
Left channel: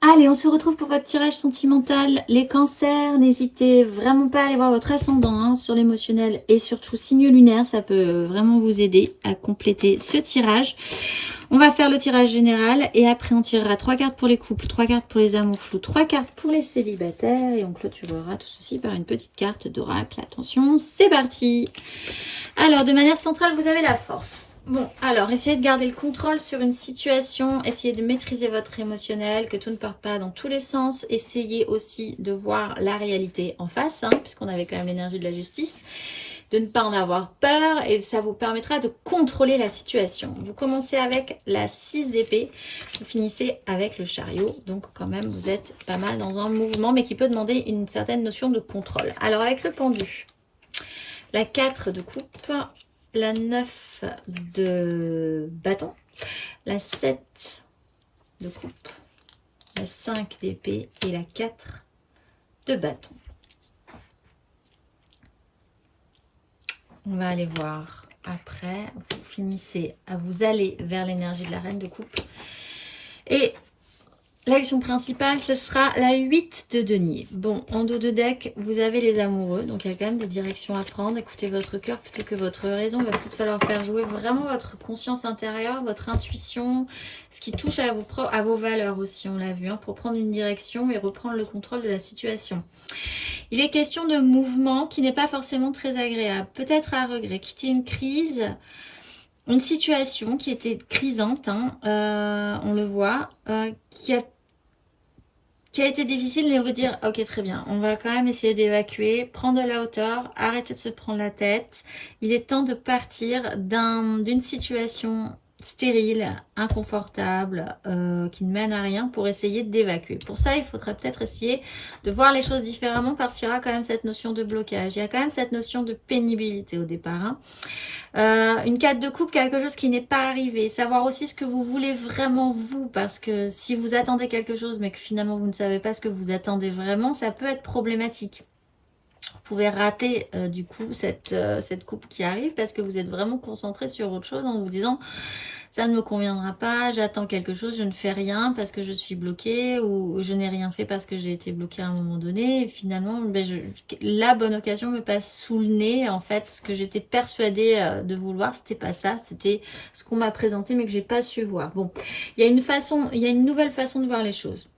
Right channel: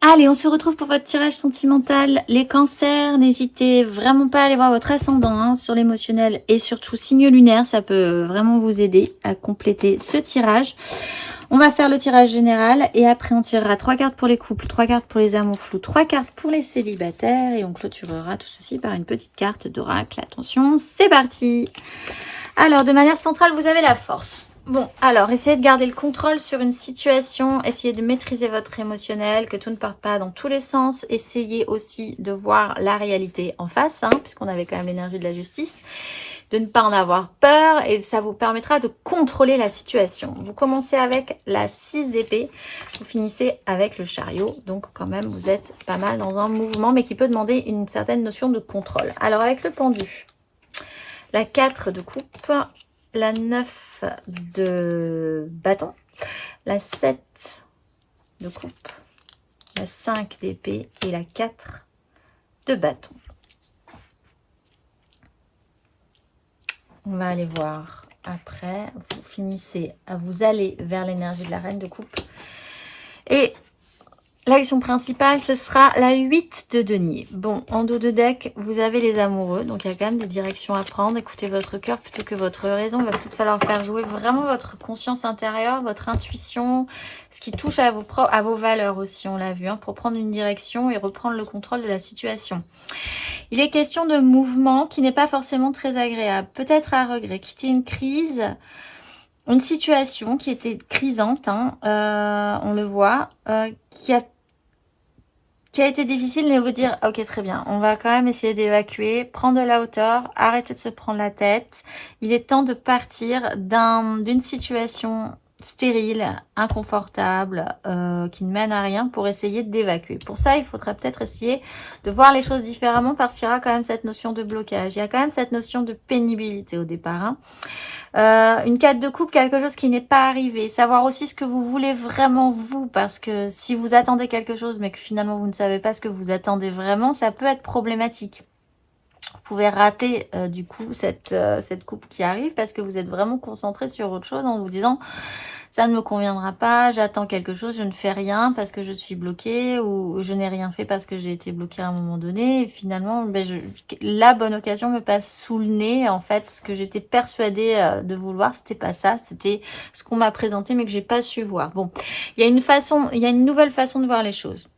Allez, on se retrouve pour votre tirage sentimental. Les cancers, n'hésitez vraiment pas à aller voir votre ascendant hein, sur l'émotionnel et surtout signe lunaire. Ça peut vraiment vous aider à compléter ce tirage. On va faire le tirage général et après on tirera 3 cartes pour les couples, 3 cartes pour les amours flous, 3 cartes pour les célibataires et on clôturera tout ceci par une petite carte d'oracle. Attention, c'est parti. Alors, de manière centrale, vous avez la force. Bon, alors, essayez de garder le contrôle sur une situation. Essayez de maîtriser votre émotionnel, que tout ne parte pas dans tous les sens. Essayez aussi de voir la réalité en face, hein, puisqu'on avait quand même l'énergie de la justice. De ne pas en avoir peur et ça vous permettra de contrôler la situation. Vous commencez avec la 6 d'épée, vous finissez avec le chariot. Donc, quand même, vous êtes pas mal dans un mouvement, mais qui peut demander une certaine notion de contrôle. Alors, avec le pendu, la 4 de coupe, la 9 de bâton, la 7 de coupe, la 5 d'épée et la 4 de bâton. On va aller voir après. Vous finissez à vous aller vers l'énergie de la reine de coupe. Et l'action principale, ce sera la 8 de denier. Bon, en dos de deck, vous avez les amoureux. Donc, il y a quand même des directions à prendre. Écoutez votre cœur plutôt que votre raison. Il va peut-être falloir faire jouer vraiment votre conscience intérieure, votre intuition, ce qui touche à vos valeurs aussi, on l'a vu, hein, pour prendre une direction et reprendre le contrôle de la situation. Il est question de mouvement qui n'est pas forcément très agréable. Peut-être à regret. Quitter une crise, une situation qui était crisante, hein, on le voit, qui a été difficile, mais vous dire, ok, très bien, on va quand même essayer d'évacuer, prendre de la hauteur, arrêter de se prendre la tête. Il est temps de partir d'une situation stérile, inconfortable, qui ne mène à rien pour essayer d'évacuer. Pour ça, il faudrait peut-être essayer de voir les choses différemment parce qu'il y aura quand même cette notion de blocage. Il y a quand même cette notion de pénibilité au départ, hein. Une 4 de coupe, quelque chose qui n'est pas arrivé. Savoir aussi ce que vous voulez vraiment vous, parce que si vous attendez quelque chose mais que finalement vous ne savez pas ce que vous attendez vraiment, ça peut être problématique. Vous pouvez rater du coup cette coupe qui arrive parce que vous êtes vraiment concentré sur autre chose en vous disant ça ne me conviendra pas, j'attends quelque chose, je ne fais rien parce que je suis bloquée ou je n'ai rien fait parce que j'ai été bloquée à un moment donné. Et finalement, la bonne occasion me passe sous le nez. En fait, ce que j'étais persuadée de vouloir, c'était pas ça, c'était ce qu'on m'a présenté mais que j'ai pas su voir. Bon, il y a une nouvelle façon de voir les choses.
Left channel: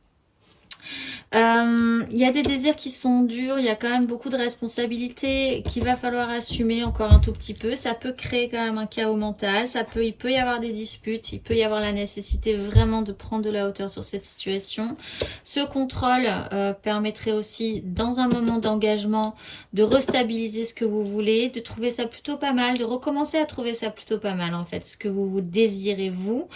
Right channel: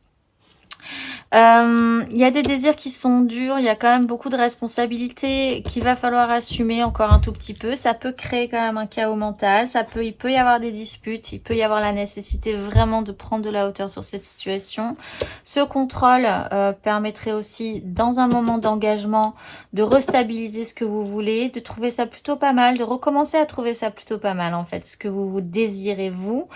Il y a des désirs qui sont durs, il y a quand même beaucoup de responsabilités qu'il va falloir assumer encore un tout petit peu. Ça peut créer quand même un chaos mental, il peut y avoir des disputes, il peut y avoir la nécessité vraiment de prendre de la hauteur sur cette situation. Ce contrôle permettrait aussi, dans un moment d'engagement, de restabiliser ce que vous voulez, de trouver ça plutôt pas mal, de recommencer à trouver ça plutôt pas mal en fait, ce que vous désirez vous.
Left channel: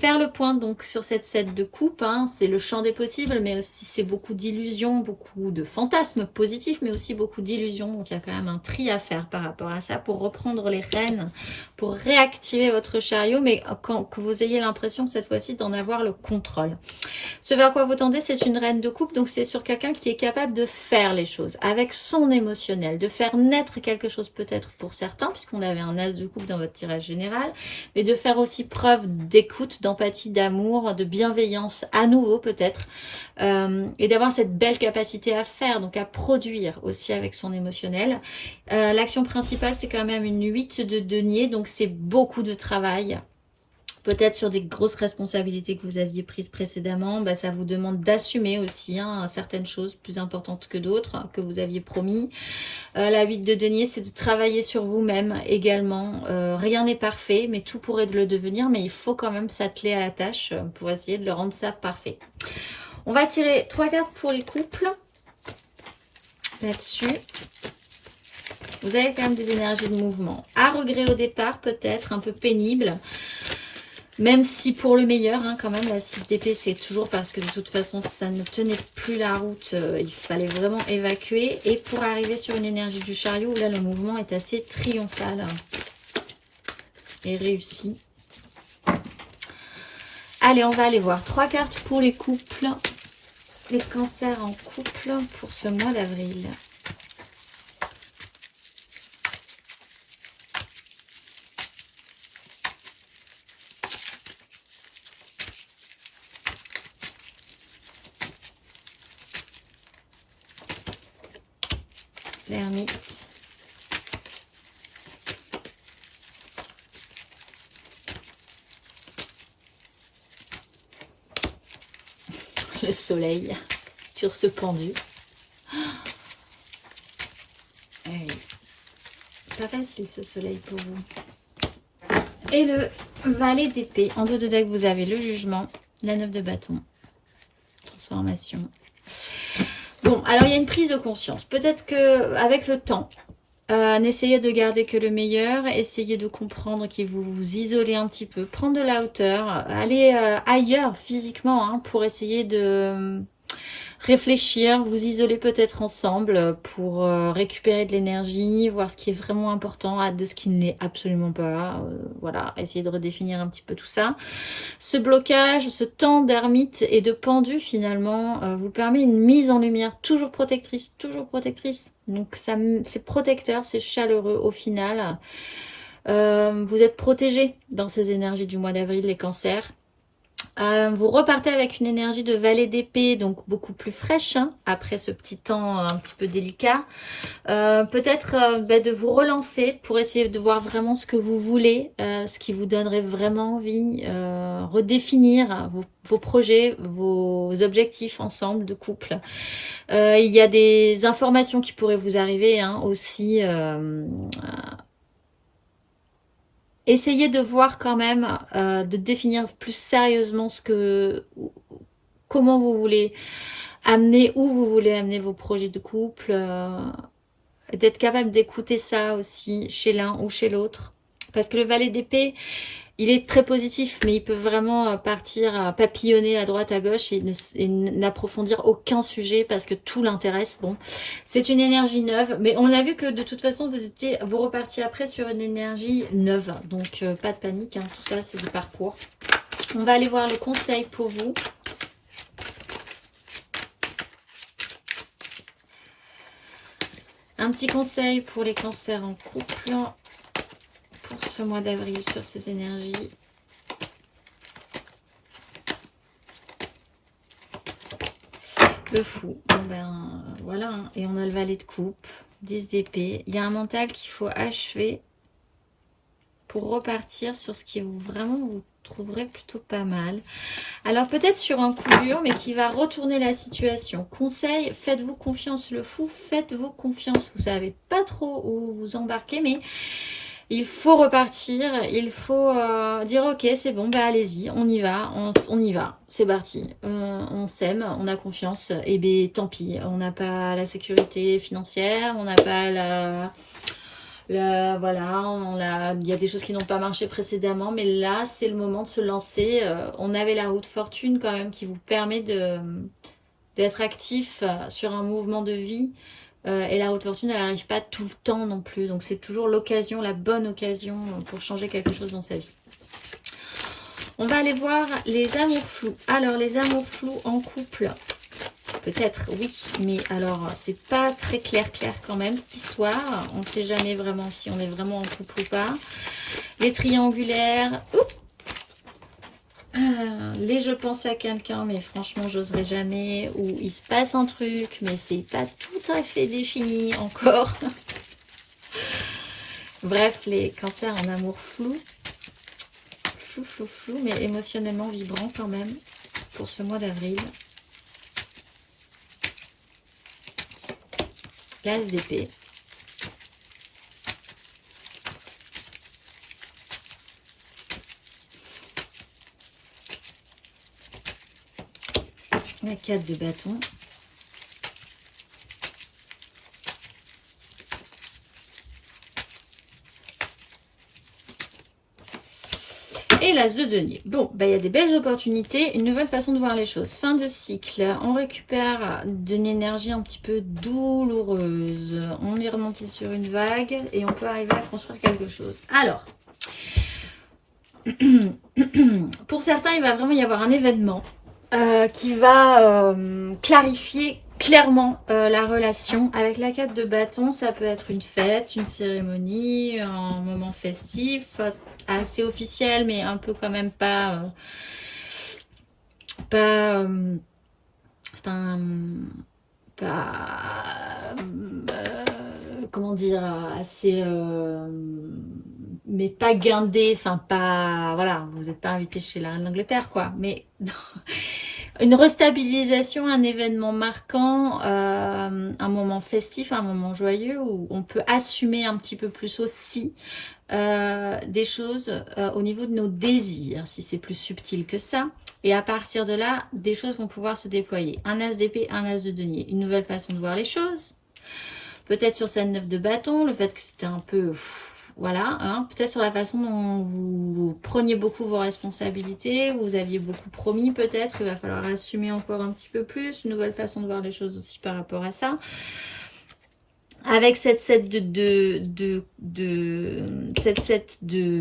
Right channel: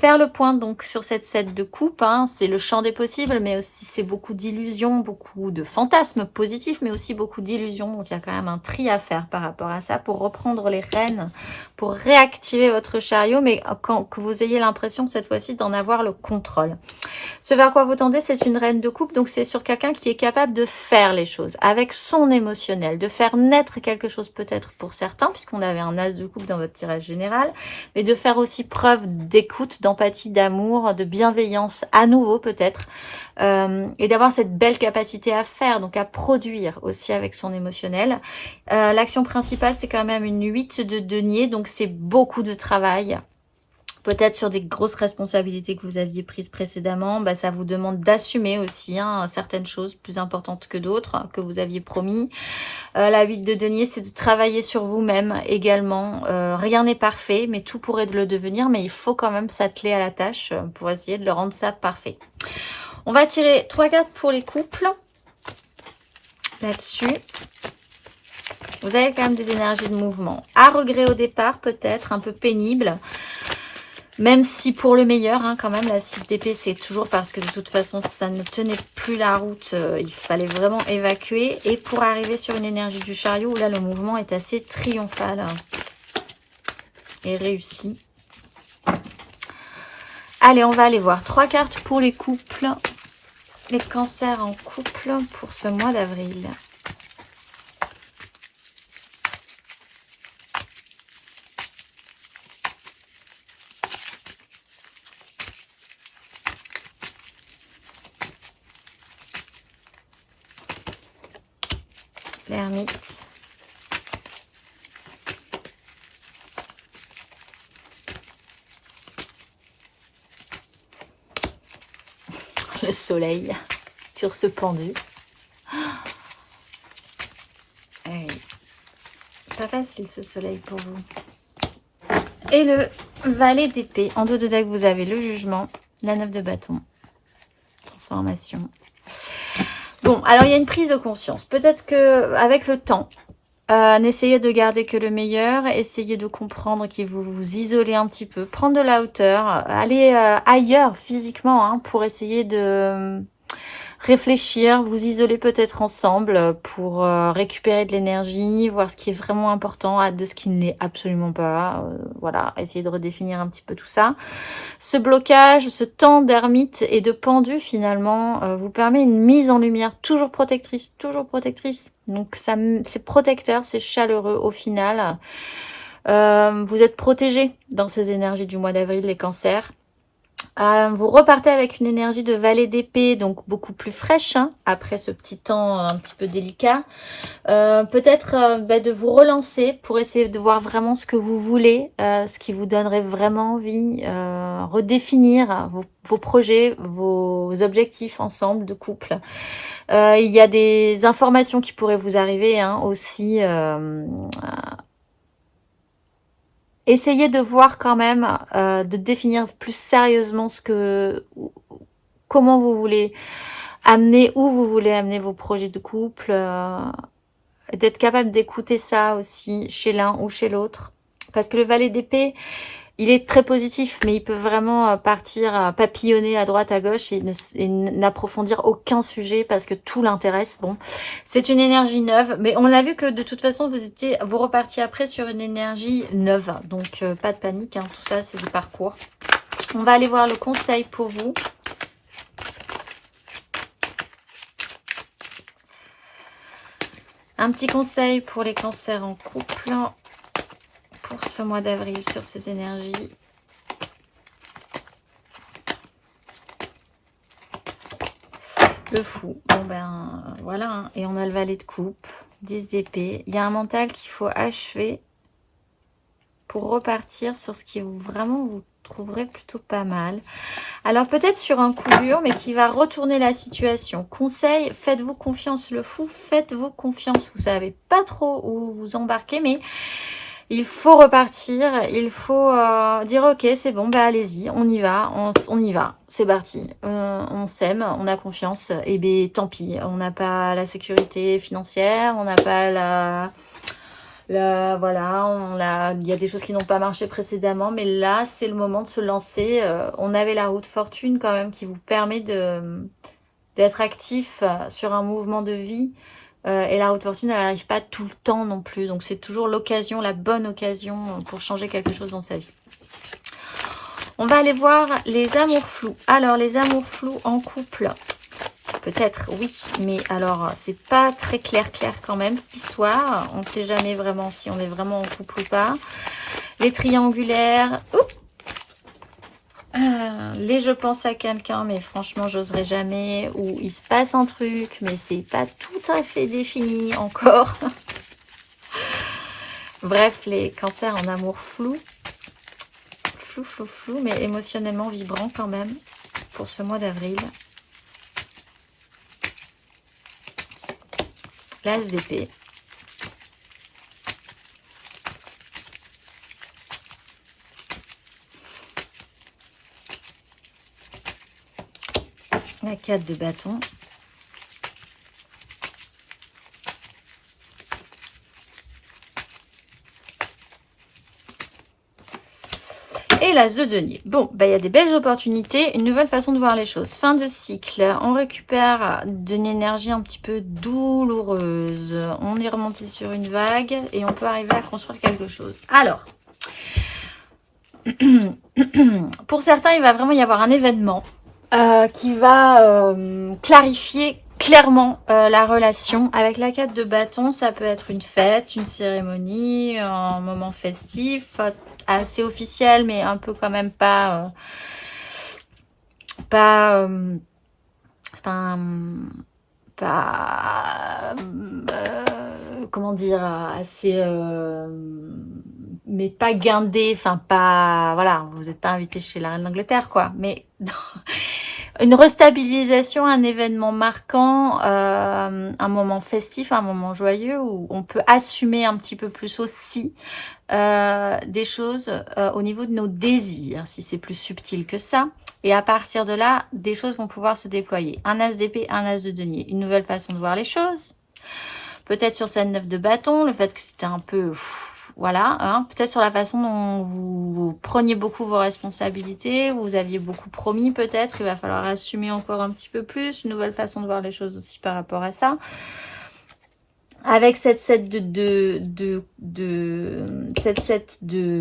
Faire le point donc sur cette set de coupe, hein, c'est le champ des possibles, mais aussi c'est beaucoup d'illusions, beaucoup de fantasmes positifs, mais aussi beaucoup d'illusions. Donc il y a quand même un tri à faire par rapport à ça pour reprendre les rênes, pour réactiver votre chariot, mais que vous ayez l'impression cette fois-ci d'en avoir le contrôle. Ce vers quoi vous tendez, c'est une reine de coupe, donc c'est sur quelqu'un qui est capable de faire les choses avec son émotionnel, de faire naître quelque chose peut-être pour certains, puisqu'on avait un as de coupe dans votre tirage général, mais de faire aussi preuve d'écoute, d'empathie, d'amour, de bienveillance à nouveau peut-être, et d'avoir cette belle capacité à faire, donc à produire aussi avec son émotionnel. L'action principale, c'est quand même une 8 de denier, donc c'est beaucoup de travail. Peut-être sur des grosses responsabilités que vous aviez prises précédemment, bah, ça vous demande d'assumer aussi hein, certaines choses plus importantes que d'autres que vous aviez promis. La 8 de denier, c'est de travailler sur vous-même également. Rien n'est parfait, mais tout pourrait le devenir, mais il faut quand même s'atteler à la tâche pour essayer de le rendre ça parfait. On va tirer 3 cartes pour les couples. Là-dessus, vous avez quand même des énergies de mouvement. À regret au départ, peut-être, un peu pénible. Même si pour le meilleur, hein, quand même, la 6 d'épée, c'est toujours parce que de toute façon, ça ne tenait plus la route. Il fallait vraiment évacuer. Et pour arriver sur une énergie du chariot, où là, le mouvement est assez triomphal et réussi. Allez, on va aller voir 3 cartes pour les couples. Les cancers en couple pour ce mois d'avril. L'ermite. Le soleil sur ce pendu. Oui. Pas facile ce soleil pour vous. Et le valet d'épée. En dos de deck, vous avez le jugement, la 9 de bâton, transformation. Bon, alors il y a une prise de conscience. Peut-être que avec le temps, n'essayez de garder que le meilleur, essayez de comprendre qu'il vous vous isolez un petit peu, prendre de la hauteur, aller ailleurs physiquement hein, pour essayer de réfléchir, vous isoler peut-être ensemble pour récupérer de l'énergie, voir ce qui est vraiment important de ce qui ne l'est absolument pas. Voilà, essayer de redéfinir un petit peu tout ça. Ce blocage, ce temps d'ermite et de pendu finalement vous permet une mise en lumière toujours protectrice, toujours protectrice. Donc c'est protecteur, c'est chaleureux au final. Vous êtes protégé dans ces énergies du mois d'avril, les cancers. Vous repartez avec une énergie de valet d'épée, donc beaucoup plus fraîche, hein, après ce petit temps un petit peu délicat. Peut-être de vous relancer pour essayer de voir vraiment ce que vous voulez, ce qui vous donnerait vraiment envie, redéfinir vos projets, vos objectifs ensemble de couple. Il y a des informations qui pourraient vous arriver hein, aussi. Essayez de voir quand même, de définir plus sérieusement comment vous voulez amener, où vous voulez amener vos projets de couple, d'être capable d'écouter ça aussi chez l'un ou chez l'autre. Parce que le valet d'épée, il est très positif, mais il peut vraiment partir papillonner à droite, à gauche et n'approfondir aucun sujet parce que tout l'intéresse. Bon, c'est une énergie neuve, mais on l'a vu que de toute façon, vous repartiez après sur une énergie neuve. Donc, pas de panique, hein, tout ça, c'est du parcours. On va aller voir le conseil pour vous. Un petit conseil pour les cancers en couple pour ce mois d'avril sur ces énergies. Le fou. Bon ben voilà. Hein. Et on a le valet de coupe, 10 d'épée. Il y a un mental qu'il faut achever pour repartir sur ce qui vraiment vous trouverez plutôt pas mal. Alors peut-être sur un coup dur, mais qui va retourner la situation. Conseil, faites-vous confiance le fou, faites-vous confiance. Vous savez pas trop où vous embarquez, mais il faut repartir, il faut dire ok, c'est bon, bah allez-y, on y va, on y va, c'est parti. On s'aime, on a confiance, et bien tant pis, on n'a pas la sécurité financière, on n'a pas voilà, il y a des choses qui n'ont pas marché précédemment, mais là, c'est le moment de se lancer. On avait la route fortune quand même qui vous permet d'être actif sur un mouvement de vie. Et la route fortune, elle n'arrive pas tout le temps non plus. Donc, c'est toujours l'occasion, la bonne occasion pour changer quelque chose dans sa vie. On va aller voir les amours flous. Alors, les amours flous en couple, peut-être, oui. Mais alors, c'est pas très clair quand même, cette histoire. On ne sait jamais vraiment si on est vraiment en couple ou pas. Les triangulaires. Les je pense à quelqu'un, mais franchement, j'oserais jamais. Ou il se passe un truc, mais c'est pas tout à fait défini encore. Bref, les cancers en amour flou. Flou, mais émotionnellement vibrant quand même pour ce mois d'avril. L'as d'épée. La 4 de bâton. Et l'as de denier. Bon, bah, il y a des belles opportunités, une nouvelle façon de voir les choses. Fin de cycle, on récupère d'une énergie un petit peu douloureuse. On est remonté sur une vague et on peut arriver à construire quelque chose. Alors, pour certains, il va vraiment y avoir un événement qui va clarifier clairement la relation. Avec la 4 de bâton, ça peut être une fête, une cérémonie, un moment festif, assez officiel, mais un peu quand même pas... c'est pas comment dire, assez... mais pas guindé, enfin pas... Voilà, vous n'êtes pas invité chez la reine d'Angleterre, quoi. Mais... Une restabilisation, un événement marquant, un moment festif, un moment joyeux où on peut assumer un petit peu plus aussi des choses au niveau de nos désirs, si c'est plus subtil que ça. Et à partir de là, des choses vont pouvoir se déployer. Un as d'épée, un as de denier. Une nouvelle façon de voir les choses. Peut-être sur cette 9 de bâton, le fait que c'était un peu... Voilà, hein, peut-être sur la façon dont vous preniez beaucoup vos responsabilités, vous aviez beaucoup promis peut-être, il va falloir assumer encore un petit peu plus, une nouvelle façon de voir les choses aussi par rapport à ça. Avec cette set de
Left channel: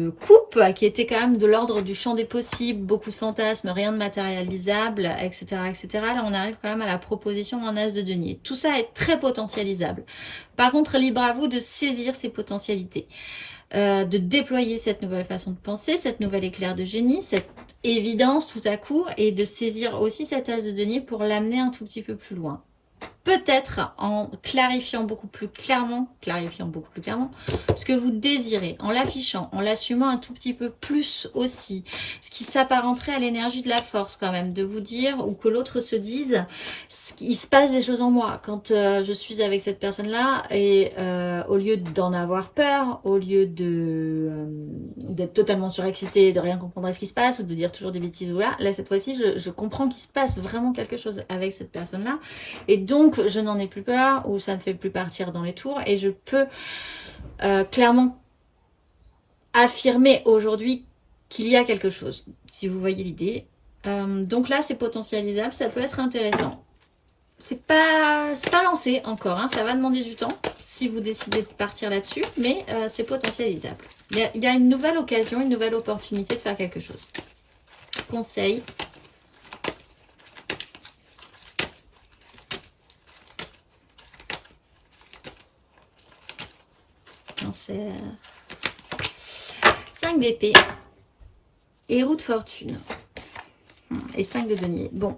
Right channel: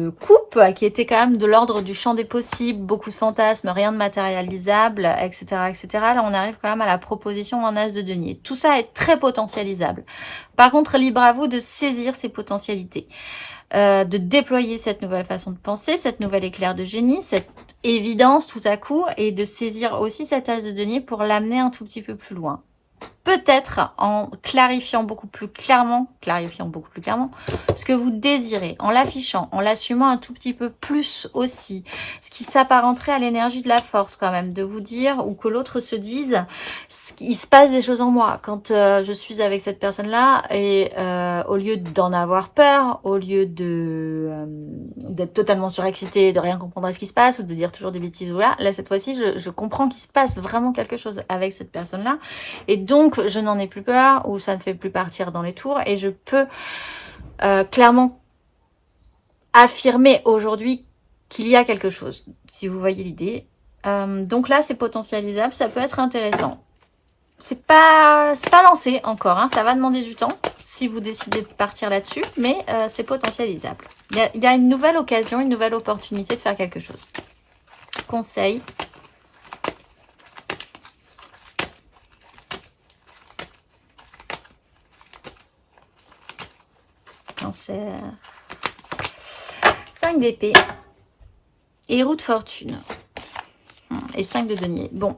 coupe qui était quand même de l'ordre du champ des possibles, beaucoup de fantasmes, rien de matérialisable, etc., etc. Là, on arrive quand même à la proposition en as de denier. Tout ça est très potentialisable. Par contre, libre à vous de saisir ces potentialités, de déployer cette nouvelle façon de penser, cette nouvelle éclair de génie, cette évidence tout à coup, et de saisir aussi cet as de denier pour l'amener un tout petit peu plus loin. Peut-être en clarifiant beaucoup plus clairement ce que vous désirez, en l'affichant, en l'assumant un tout petit peu plus aussi, ce qui s'apparenterait à l'énergie de la force quand même, de vous dire, ou que l'autre se dise, il se passe des choses en moi quand je suis avec cette personne-là, et au lieu d'en avoir peur, au lieu d'être totalement surexcité, de rien comprendre à ce qui se passe, ou de dire toujours des bêtises, voilà, là cette fois-ci, je comprends qu'il se passe vraiment quelque chose avec cette personne-là, et donc je n'en ai plus peur, ou ça ne fait plus partir dans les tours, et je peux clairement affirmer aujourd'hui qu'il y a quelque chose, si vous voyez l'idée. Donc là, c'est potentialisable, ça peut être intéressant. C'est pas lancé encore, hein, ça va demander du temps si vous décidez de partir là-dessus, mais c'est potentialisable. Il y a une nouvelle occasion, une nouvelle opportunité de faire quelque chose. Conseil. Cancer. 5 d'épée. Et roue de fortune. Et 5 de denier. Bon.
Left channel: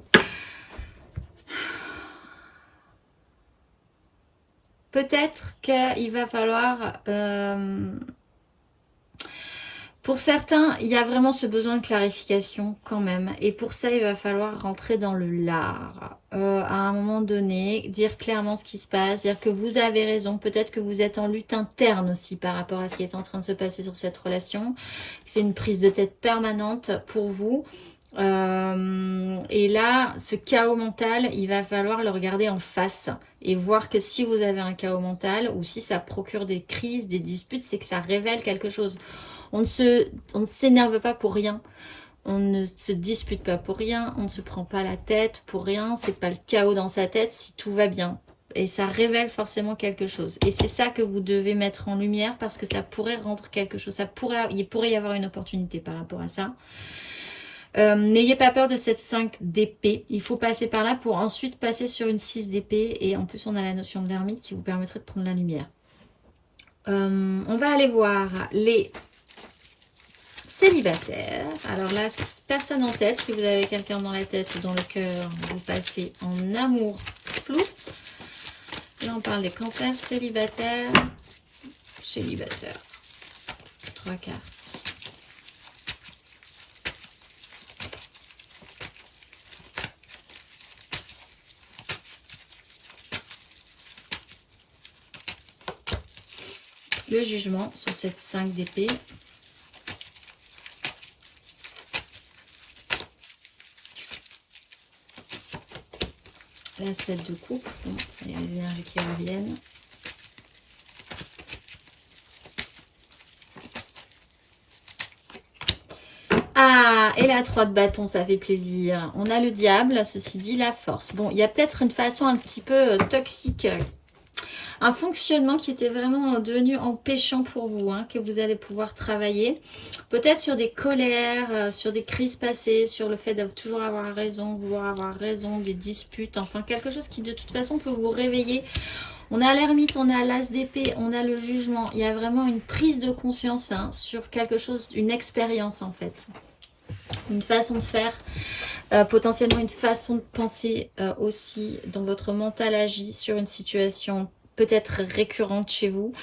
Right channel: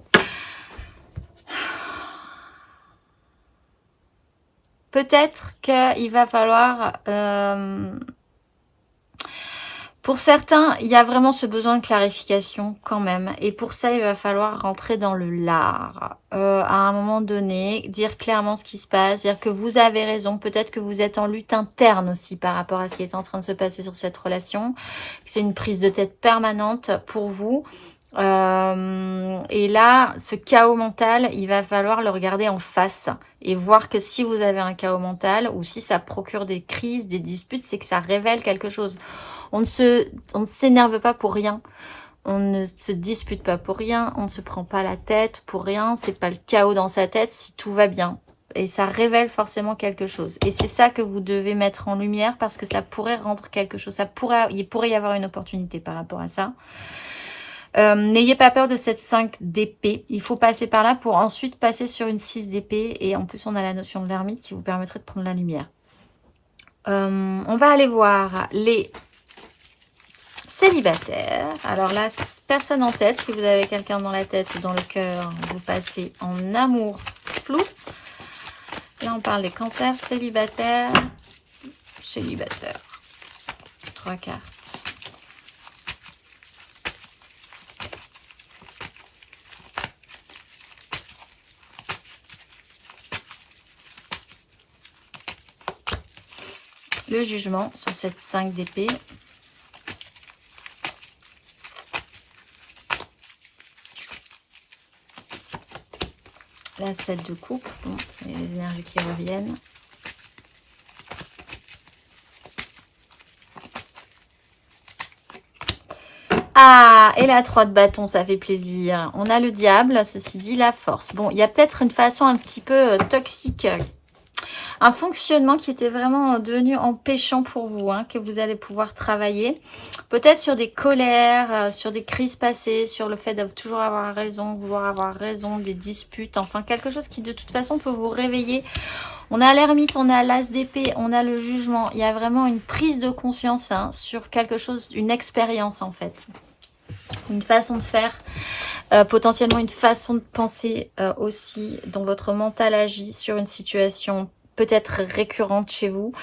Peut-être qu'il va falloir Pour certains, il y a vraiment ce besoin de clarification quand même. Et pour ça, il va falloir rentrer dans le lard. À un moment donné, dire clairement ce qui se passe, dire que vous avez raison. Peut-être que vous êtes en lutte interne aussi par rapport à ce qui est en train de se passer sur cette relation. C'est une prise de tête permanente pour vous. Et là, ce chaos mental, il va falloir le regarder en face et voir que si vous avez un chaos mental ou si ça procure des crises, des disputes, c'est que ça révèle quelque chose. On ne s'énerve pas pour rien. On ne se dispute pas pour rien. On ne se prend pas la tête pour rien. C'est pas le chaos dans sa tête si tout va bien. Et ça révèle forcément quelque chose. Et c'est ça que vous devez mettre en lumière parce que ça pourrait rendre quelque chose. Il pourrait y avoir une opportunité par rapport à ça. N'ayez pas peur de cette 5 d'épée. Il faut passer par là pour ensuite passer sur une 6 d'épée. Et en plus, on a la notion de l'ermite qui vous permettrait de prendre la lumière. On va aller voir les célibataires. Alors là, personne en tête. Si vous avez quelqu'un dans la tête ou dans le cœur, vous passez en amour flou. Là, on parle des cancers célibataires. Célibataires. 3 cartes. Le jugement sur cette 5 d'épée. La 7 de coupe. Bon, il y a les énergies qui reviennent. Ah, et la 3 de bâton, ça fait plaisir. On a le diable, ceci dit, la force. Bon, il y a peut-être une façon un petit peu toxique. Un fonctionnement qui était vraiment devenu empêchant pour vous, hein, que vous allez pouvoir travailler. Peut-être sur des colères, sur des crises passées, sur le fait de toujours avoir raison, vouloir avoir raison, des disputes, enfin quelque chose qui de toute façon peut vous réveiller. On a l'ermite, on a l'as d'épée, on a le jugement. Il y a vraiment une prise de conscience hein, sur quelque chose, une expérience en fait. Une façon de faire, potentiellement une façon de penser aussi dont votre mental agit sur une situation peut-être récurrente chez vous.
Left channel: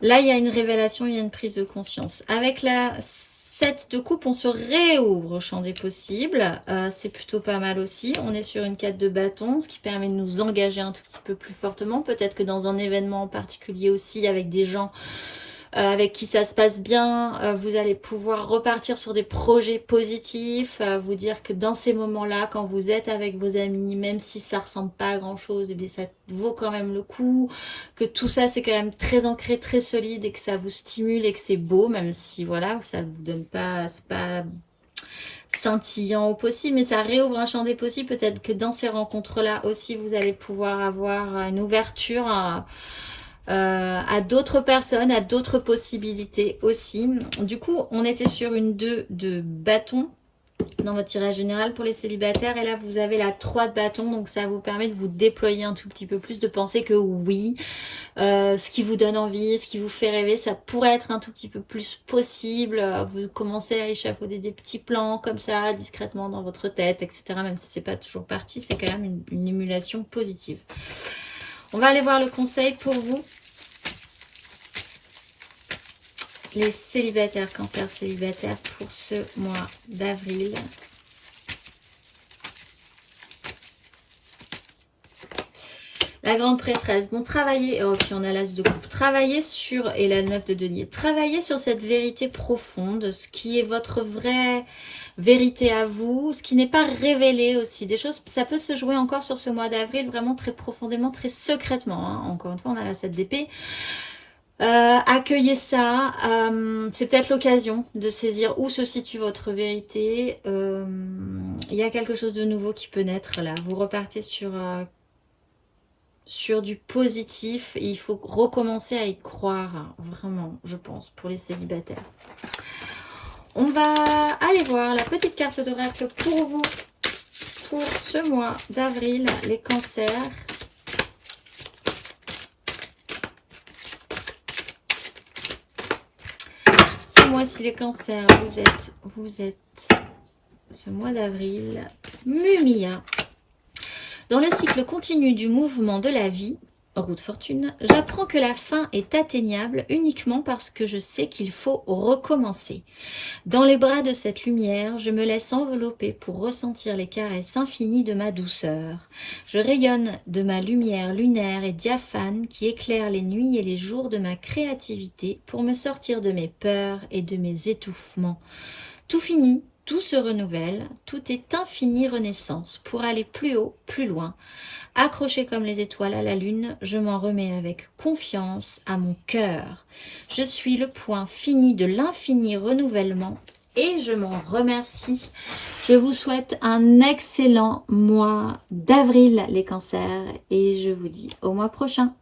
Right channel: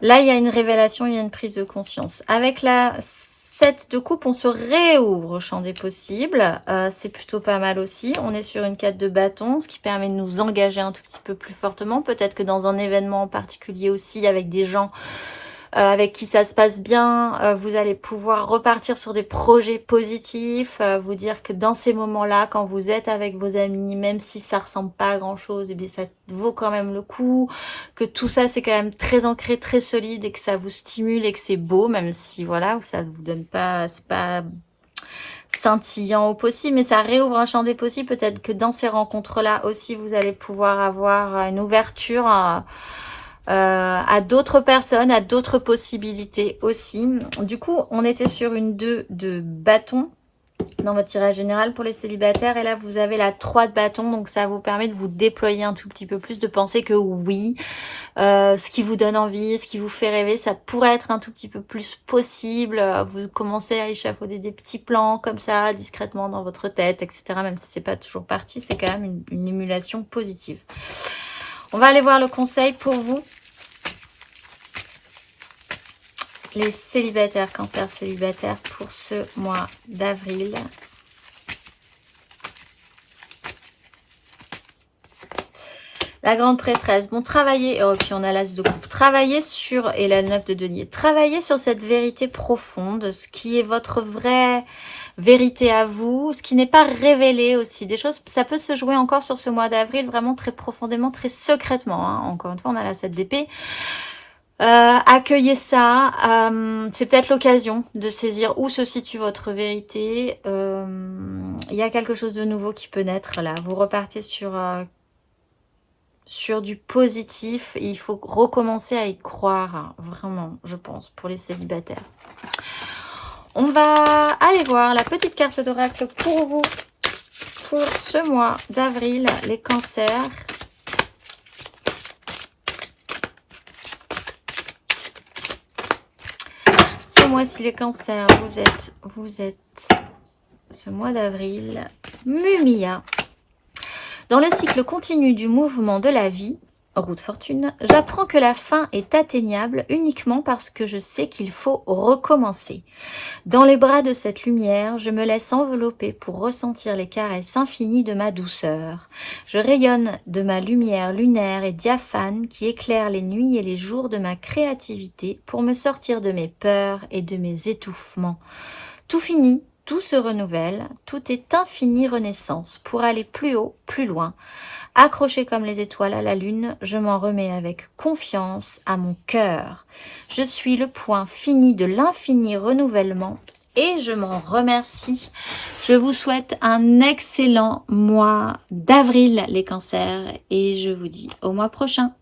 Là, il y a une révélation, il y a une prise de conscience. Avec la 7 de coupe, on se réouvre au champ des possibles. C'est plutôt pas mal aussi. On est sur une 4 de bâton, ce qui permet de nous engager un tout petit peu plus fortement. Peut-être que dans un événement en particulier aussi, avec des gens avec qui ça se passe bien, vous allez pouvoir repartir sur des projets positifs, vous dire que dans ces moments-là, quand vous êtes avec vos amis, même si ça ressemble pas à grand-chose, eh bien ça vaut quand même le coup, que tout ça c'est quand même très ancré, très solide et que ça vous stimule et que c'est beau, même si voilà, ça ne vous donne pas, c'est pas scintillant au possible, mais ça réouvre un champ des possibles. Peut-être que dans ces rencontres-là aussi, vous allez pouvoir avoir une ouverture à d'autres personnes, à d'autres possibilités aussi. Du coup, on était sur une 2 de bâton dans votre tirage général pour les célibataires. Et là, vous avez la 3 de bâton. Donc, ça vous permet de vous déployer un tout petit peu plus, de penser que oui, ce qui vous donne envie, ce qui vous fait rêver, ça pourrait être un tout petit peu plus possible. Vous commencez à échafauder des petits plans comme ça, discrètement dans votre tête, etc. Même si c'est pas toujours parti, c'est quand même une émulation positive. On va aller voir le conseil pour vous. Les célibataires, cancer célibataire pour ce mois d'avril. La grande prêtresse. Bon, travaillez, oh, puis on a l'as de coupe. Travaillez sur, et la 9 de denier. Travaillez sur cette vérité profonde, ce qui est votre vraie vérité à vous, ce qui n'est pas révélé aussi. Des choses, ça peut se jouer encore sur ce mois d'avril, vraiment très profondément, très secrètement. Hein. Encore une fois, on a la 7 d'épée. Accueillez ça. C'est peut-être l'occasion de saisir où se situe votre vérité. Il y a quelque chose de nouveau qui peut naître là. Vous repartez sur du positif et il faut recommencer à y croire, hein, vraiment, je pense, pour les célibataires. On va aller voir la petite carte d'oracle pour vous, pour ce mois d'avril, les cancers. Ce mois-ci, les cancers, vous êtes ce mois d'avril, Mumia. Dans le cycle continu du mouvement de la vie, roue de fortune, j'apprends que la fin est atteignable uniquement parce que je sais qu'il faut recommencer. Dans les bras de cette lumière, je me laisse envelopper pour ressentir les caresses infinies de ma douceur. Je rayonne de ma lumière lunaire et diaphane qui éclaire les nuits et les jours de ma créativité pour me sortir de mes peurs et de mes étouffements. Tout finit, tout se renouvelle, tout est infinie renaissance pour aller plus haut, plus loin. Accroché comme les étoiles à la lune, je m'en remets avec confiance à mon cœur. Je suis le point fini de l'infini renouvellement et je m'en remercie. Je vous souhaite un excellent mois d'avril, les cancers, et je vous dis au mois prochain.